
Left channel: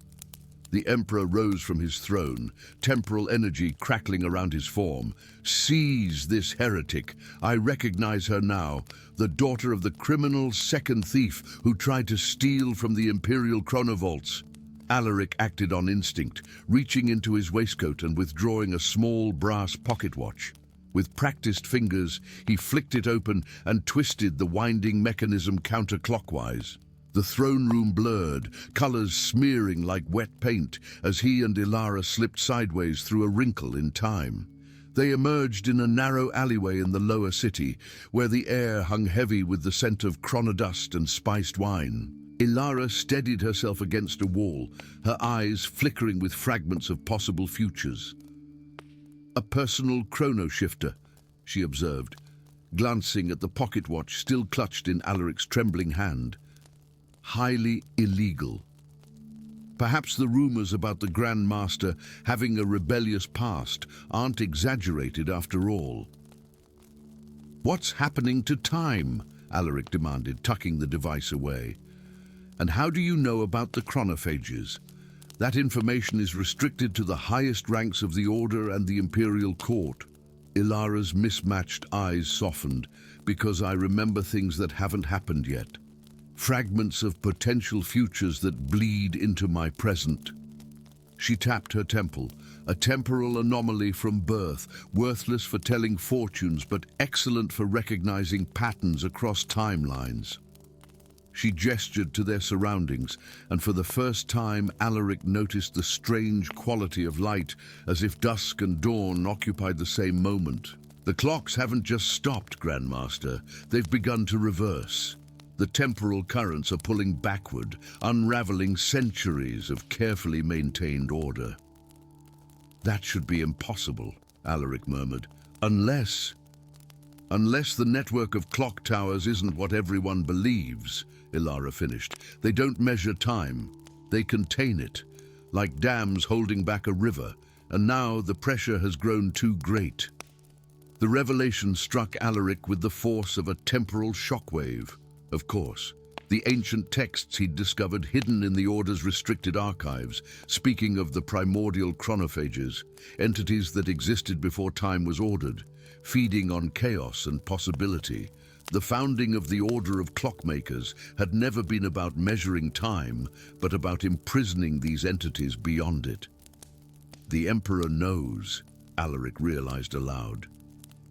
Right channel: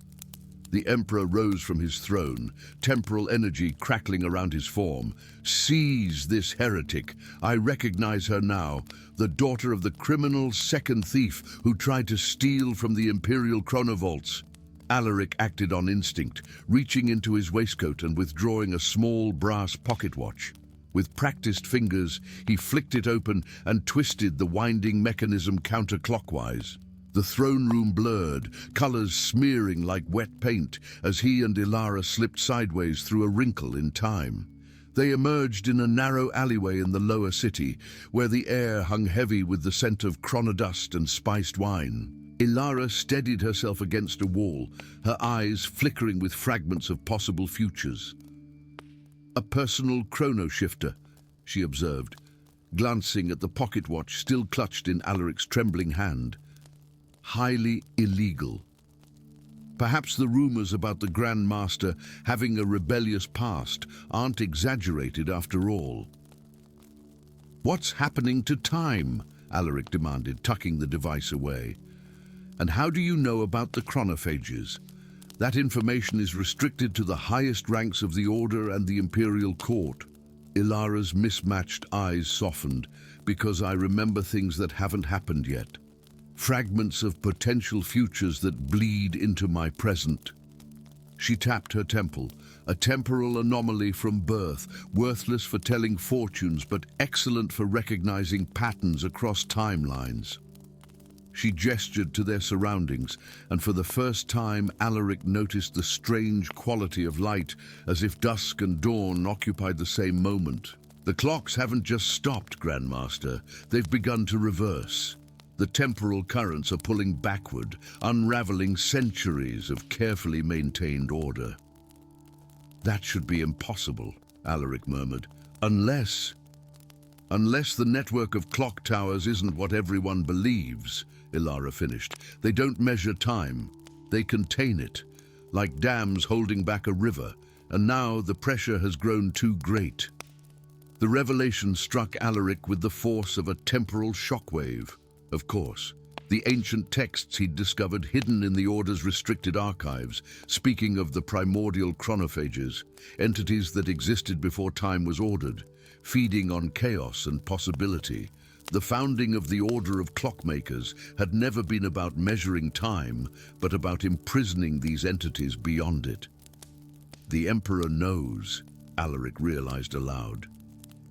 The Emperor rose from his throne, temporal energy crackling around his form. "Seize this heretic. I recognize her now, the daughter of the criminal second thief who tried to steal from the Imperial chronovaults." Alaric acted on instinct, reaching into his waistcoat and withdrawing a small brass pocket watch. With practiced fingers, he flicked it open and twisted the winding mechanism counterclockwise. The throne room blurred, colors smearing like wet paint as he and Ilara slipped sideways through a wrinkle in time. They emerged in a narrow alleyway in the lower city, where the air hung heavy with the scent of chronodust and spiced wine. Ilara steadied herself against a wall, her eyes flickering with fragments of possible futures. "A personal chrono shifter," she observed, glancing at the pocket watch still clutched in Alaric's trembling hand. "Highly illegal. Perhaps the rumors about the Grand Master having a rebellious past aren't exaggerated after all." "What's happening to time?" Alaric demanded, tucking the device away. "And how do you know about the chronophages? That information is restricted to the highest ranks of the Order and the Imperial Court." Ilara's mismatched eyes softened. "Because I remember things that haven't happened yet. Fragments of potential futures that bleed into my present." She tapped her temple, a temporal anomaly from birth, worthless for telling fortunes but excellent for recognizing patterns across timelines. She gestured to their surroundings, and for the first time Alaric noticed the strange quality of light, as if dusk and dawn occupied the same moment. "The clocks haven't just stopped, Grandmaster. They've begun to reverse. The temporal currents are pulling backward, unraveling centuries of carefully maintained order." "That should be impossible," Alaric murmured. Unless the network of clock towers isn't what everyone believes," Ilara finished. "They don't measure time. They contain it, like dams holding back a river, and now the pressure has grown too great." The revelation struck Alaric with the force of a temporal shockwave. Of course, the ancient texts he'd discovered hidden in the Order's restricted archives, speaking of the primordial chronophages, entities that existed before time was ordered, feeding on chaos and possibility. The founding of the Order of Clockmakers had never been about measuring time, but about imprisoning these entities beyond it. "The Emperor knows," Alaric realized aloud.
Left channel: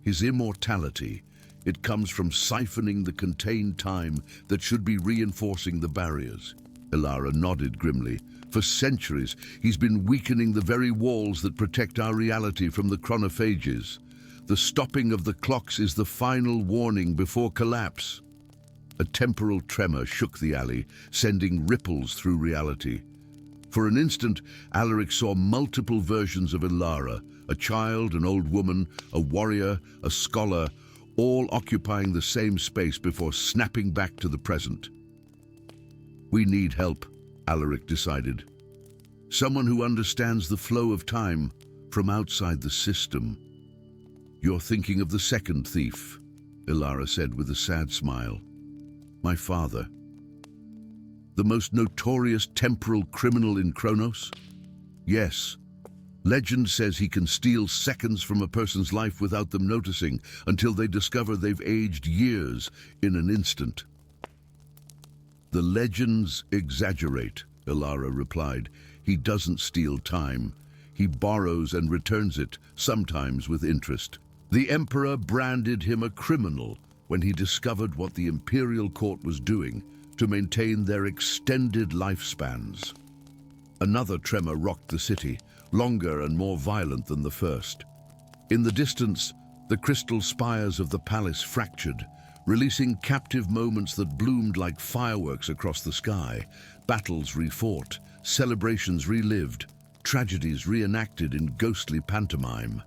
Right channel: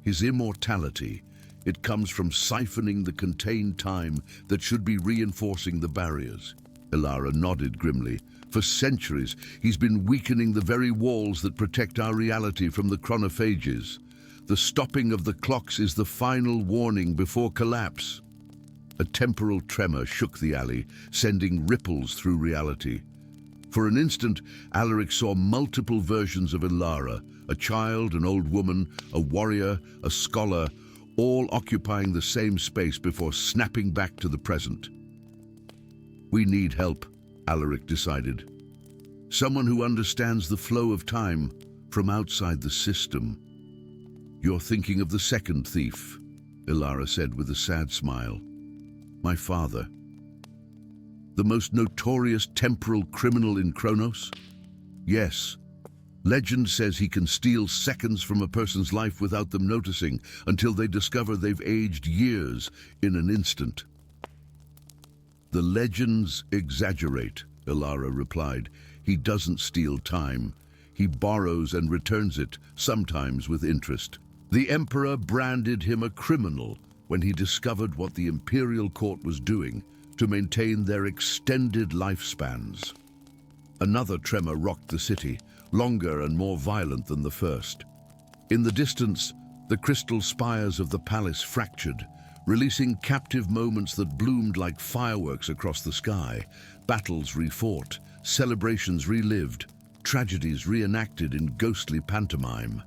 "His immortality, it comes from siphoning the contained time that should be reinforcing the barriers." Ilara nodded grimly. "For centuries, he's been weakening the very walls that protect our reality from the chronophages. The stopping of the clocks is the final warning before collapse." A temporal tremor shook the alley, sending ripples through reality. For an instant, Alaric saw multiple versions of Ilara, a child, an old woman, a warrior, a scholar, all occupying the same space before snapping back to the present. "We need help," Alaric decided. "Someone who understands the flow of time from outside the system." "You're thinking of the second thief," Ilara said with a sad smile. "My father. The most notorious temporal criminal in Kronos? Yes. Legend says he can steal seconds from a person's life without them noticing, until they discover they've aged years in an instant." "The legends exaggerate," Ilara replied. "He doesn't steal time. He borrows and returns it, sometimes with interest. The Emperor branded him a criminal when he discovered what the Imperial Court was doing to maintain their extended lifespans." Another tremor rocked the city, longer and more violent than the first. In the distance, the crystal spires of the palace fractured, releasing captive moments that bloomed like fireworks across the sky. Battles refought, celebrations relived, tragedies reenacted in ghostly pantomime.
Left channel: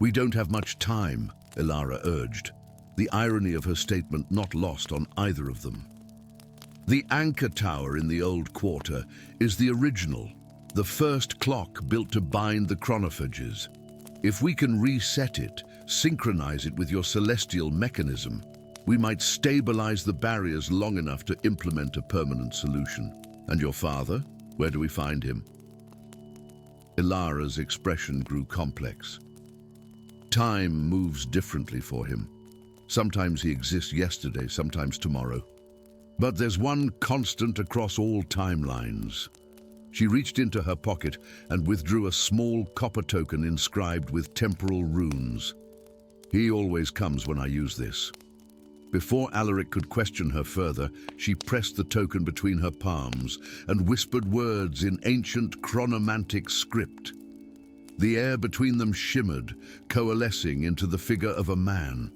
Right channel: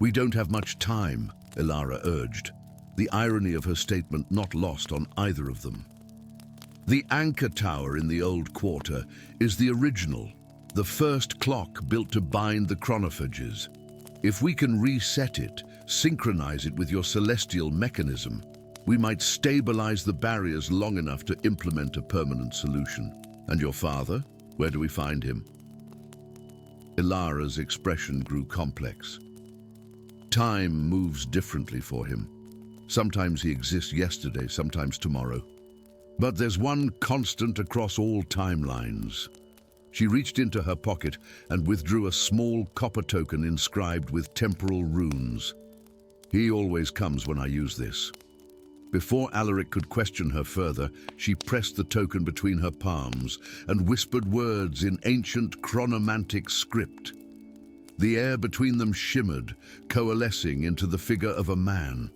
"We don't have much time," Ilara urged, the irony of her statement not lost on either of them. "The anchor tower in the old quarter is the original, the first clock built to bind the chronophages. If we can reset it, synchronize it with your celestial mechanism, we might stabilize the barriers long enough to implement a permanent solution. And your father? Where do we find him? Ilara's expression grew complex. Time moves differently for him. Sometimes he exists yesterday, sometimes tomorrow. But there's one constant across all timelines. She reached into her pocket and withdrew a small copper token inscribed with temporal runes. He always comes when I use this. Before Alaric could question her further, she pressed the token between her palms and whispered words in ancient chronomantic script. The air between them shimmered, coalescing into the figure of a man.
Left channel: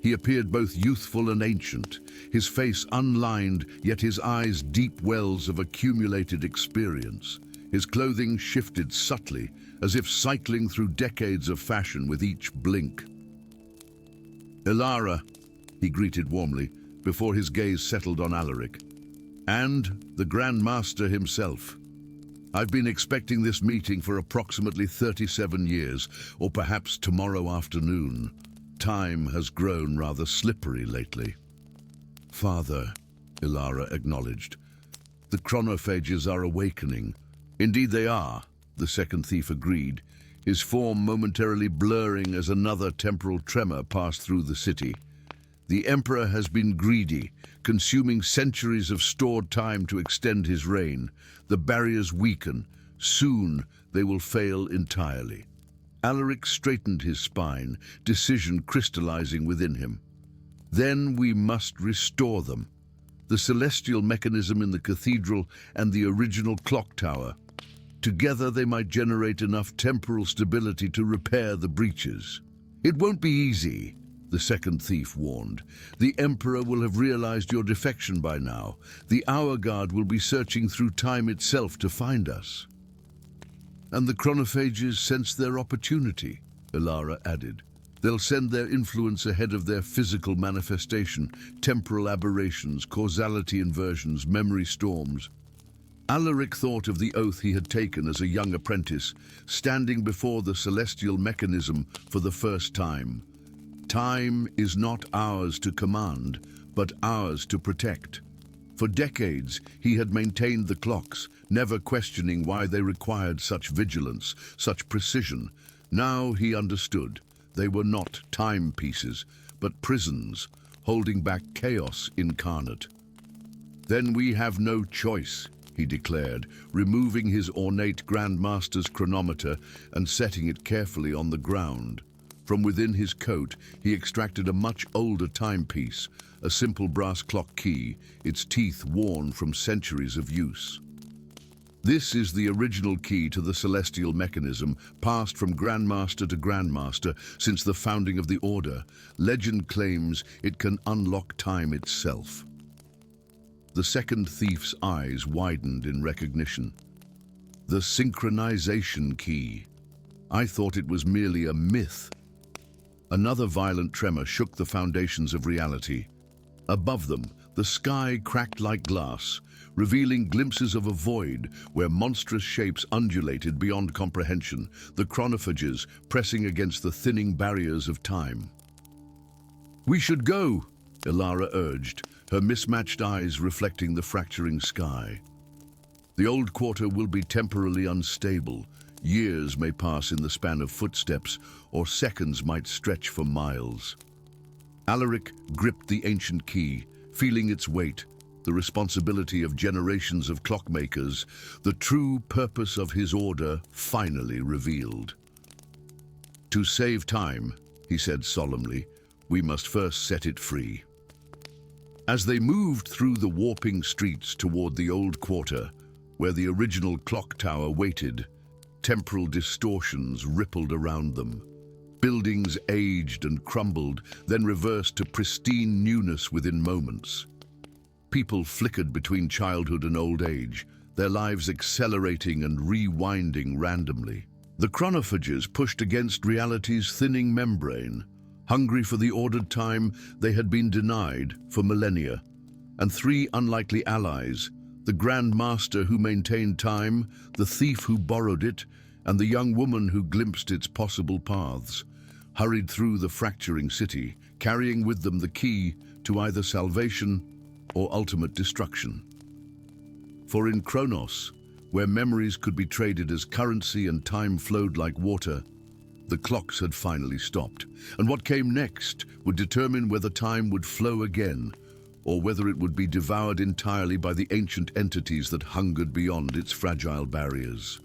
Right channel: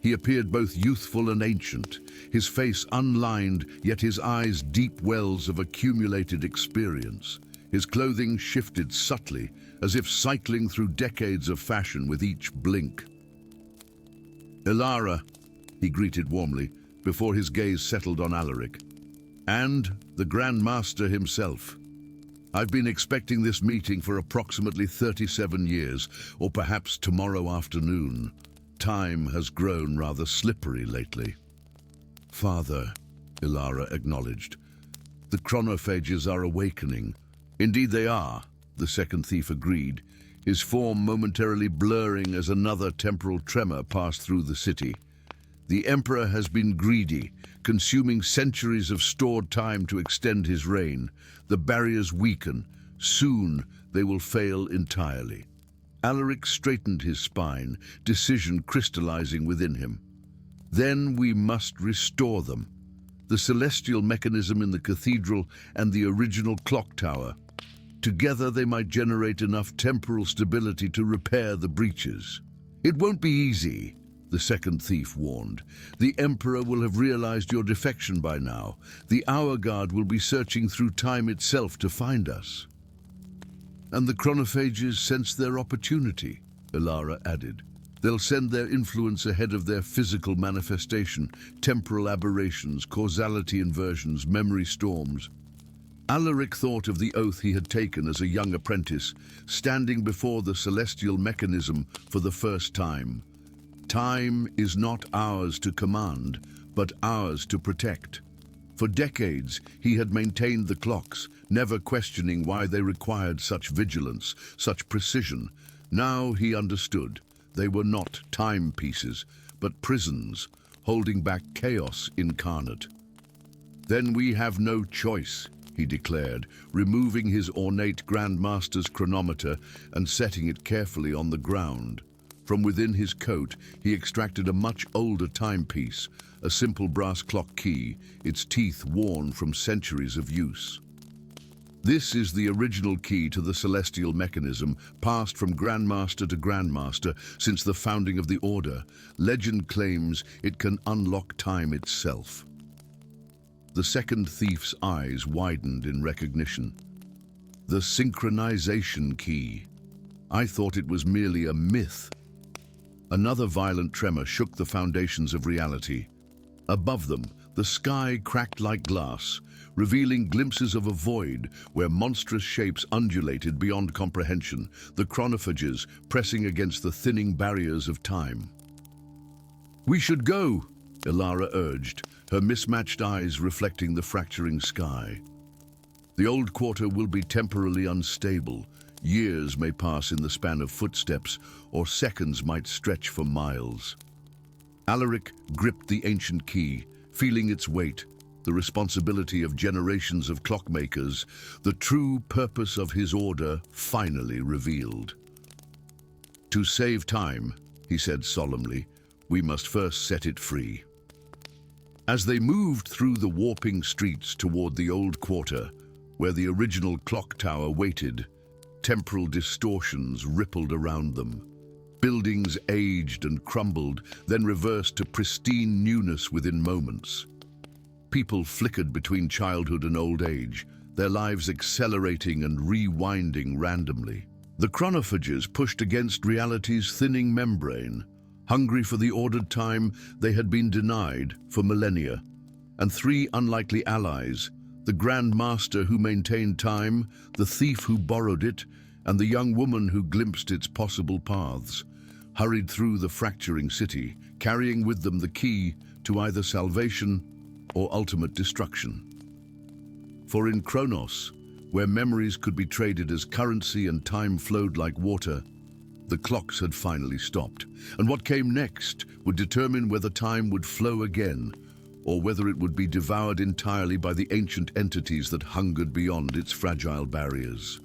He appeared both youthful and ancient, his face unlined, yet his eyes deep wells of accumulated experience. His clothing shifted subtly, as if cycling through decades of fashion with each blink. "Ilara," he greeted warmly, before his gaze settled on Alaric. "And the Grand Master himself. I've been expecting this meeting for approximately 37 years, or perhaps tomorrow afternoon. Time has grown rather slippery lately." "Father," Ilara acknowledged, "the chronophages are awakening." "Indeed they are," the second thief agreed, his form momentarily blurring as another temporal tremor passed through the city. "The Emperor has been greedy, consuming centuries of stored time to extend his reign. The barriers weaken. Soon they will fail entirely." Alaric straightened his spine, decision crystallizing within him. "Then we must restore them. The celestial mechanism in the cathedral and the original clock tower. Together they might generate enough temporal stability to repair the breaches." "It won't be easy," the second thief warned. "The Emperor will have realized your defection by now. The Hour Guard will be searching through time itself to find us." "And the chronophages sense their opportunity," Ilara added. "They'll send their influence ahead of their physical manifestation, temporal aberrations, causality inversions, memory storms." Alaric thought of the oath he had taken as a young apprentice, standing before the celestial mechanism for the first time. Time is not ours to command, but ours to protect. For decades, he had maintained the clocks, never questioning why they required such vigilance, such precision. Now he understood. They were not timepieces, but prisons, holding back chaos incarnate. "Then we have no choice," he declared, removing his ornate Grand Master's chronometer and setting it carefully on the ground. From within his coat, he extracted a much older timepiece, a simple brass clock key, its teeth worn from centuries of use. "This is the original key to the celestial mechanism, passed from Grandmaster to Grandmaster since the founding of the Order. Legend claims it can unlock time itself." The second thief's eyes widened in recognition. "The synchronization key. I thought it was merely a myth." Another violent tremor shook the foundations of reality. Above them, the sky cracked like glass, revealing glimpses of a void where monstrous shapes undulated beyond comprehension, the chronophages pressing against the thinning barriers of time. "We should go," Ilara urged, her mismatched eyes reflecting the fracturing sky. "The old quarter will be temporarily unstable. Years may pass in the span of footsteps, or seconds might stretch for miles." Alaric gripped the ancient key, feeling its weight, the responsibility of generations of clockmakers, the true purpose of his order finally revealed. "To save time," he said solemnly, "we must first set it free." As they moved through the warping streets toward the old quarter, where the original clock tower waited, temporal distortions rippled around them. Buildings aged and crumbled, then reversed to pristine newness within moments. People flickered between childhood and old age, their lives accelerating and rewinding randomly. The chronophages pushed against reality's thinning membrane, hungry for the ordered time they had been denied for millennia. And three unlikely allies, the Grand Master who maintained time, the thief who borrowed it, and the young woman who glimpsed its possible paths hurried through the fracturing city, carrying with them the key to either salvation or ultimate destruction. For in Kronos, where memories could be traded as currency and time flowed like water, the clocks had finally stopped, and what came next would determine whether time would flow again, or whether it would be devoured entirely by the ancient entities that hungered beyond its fragile barriers.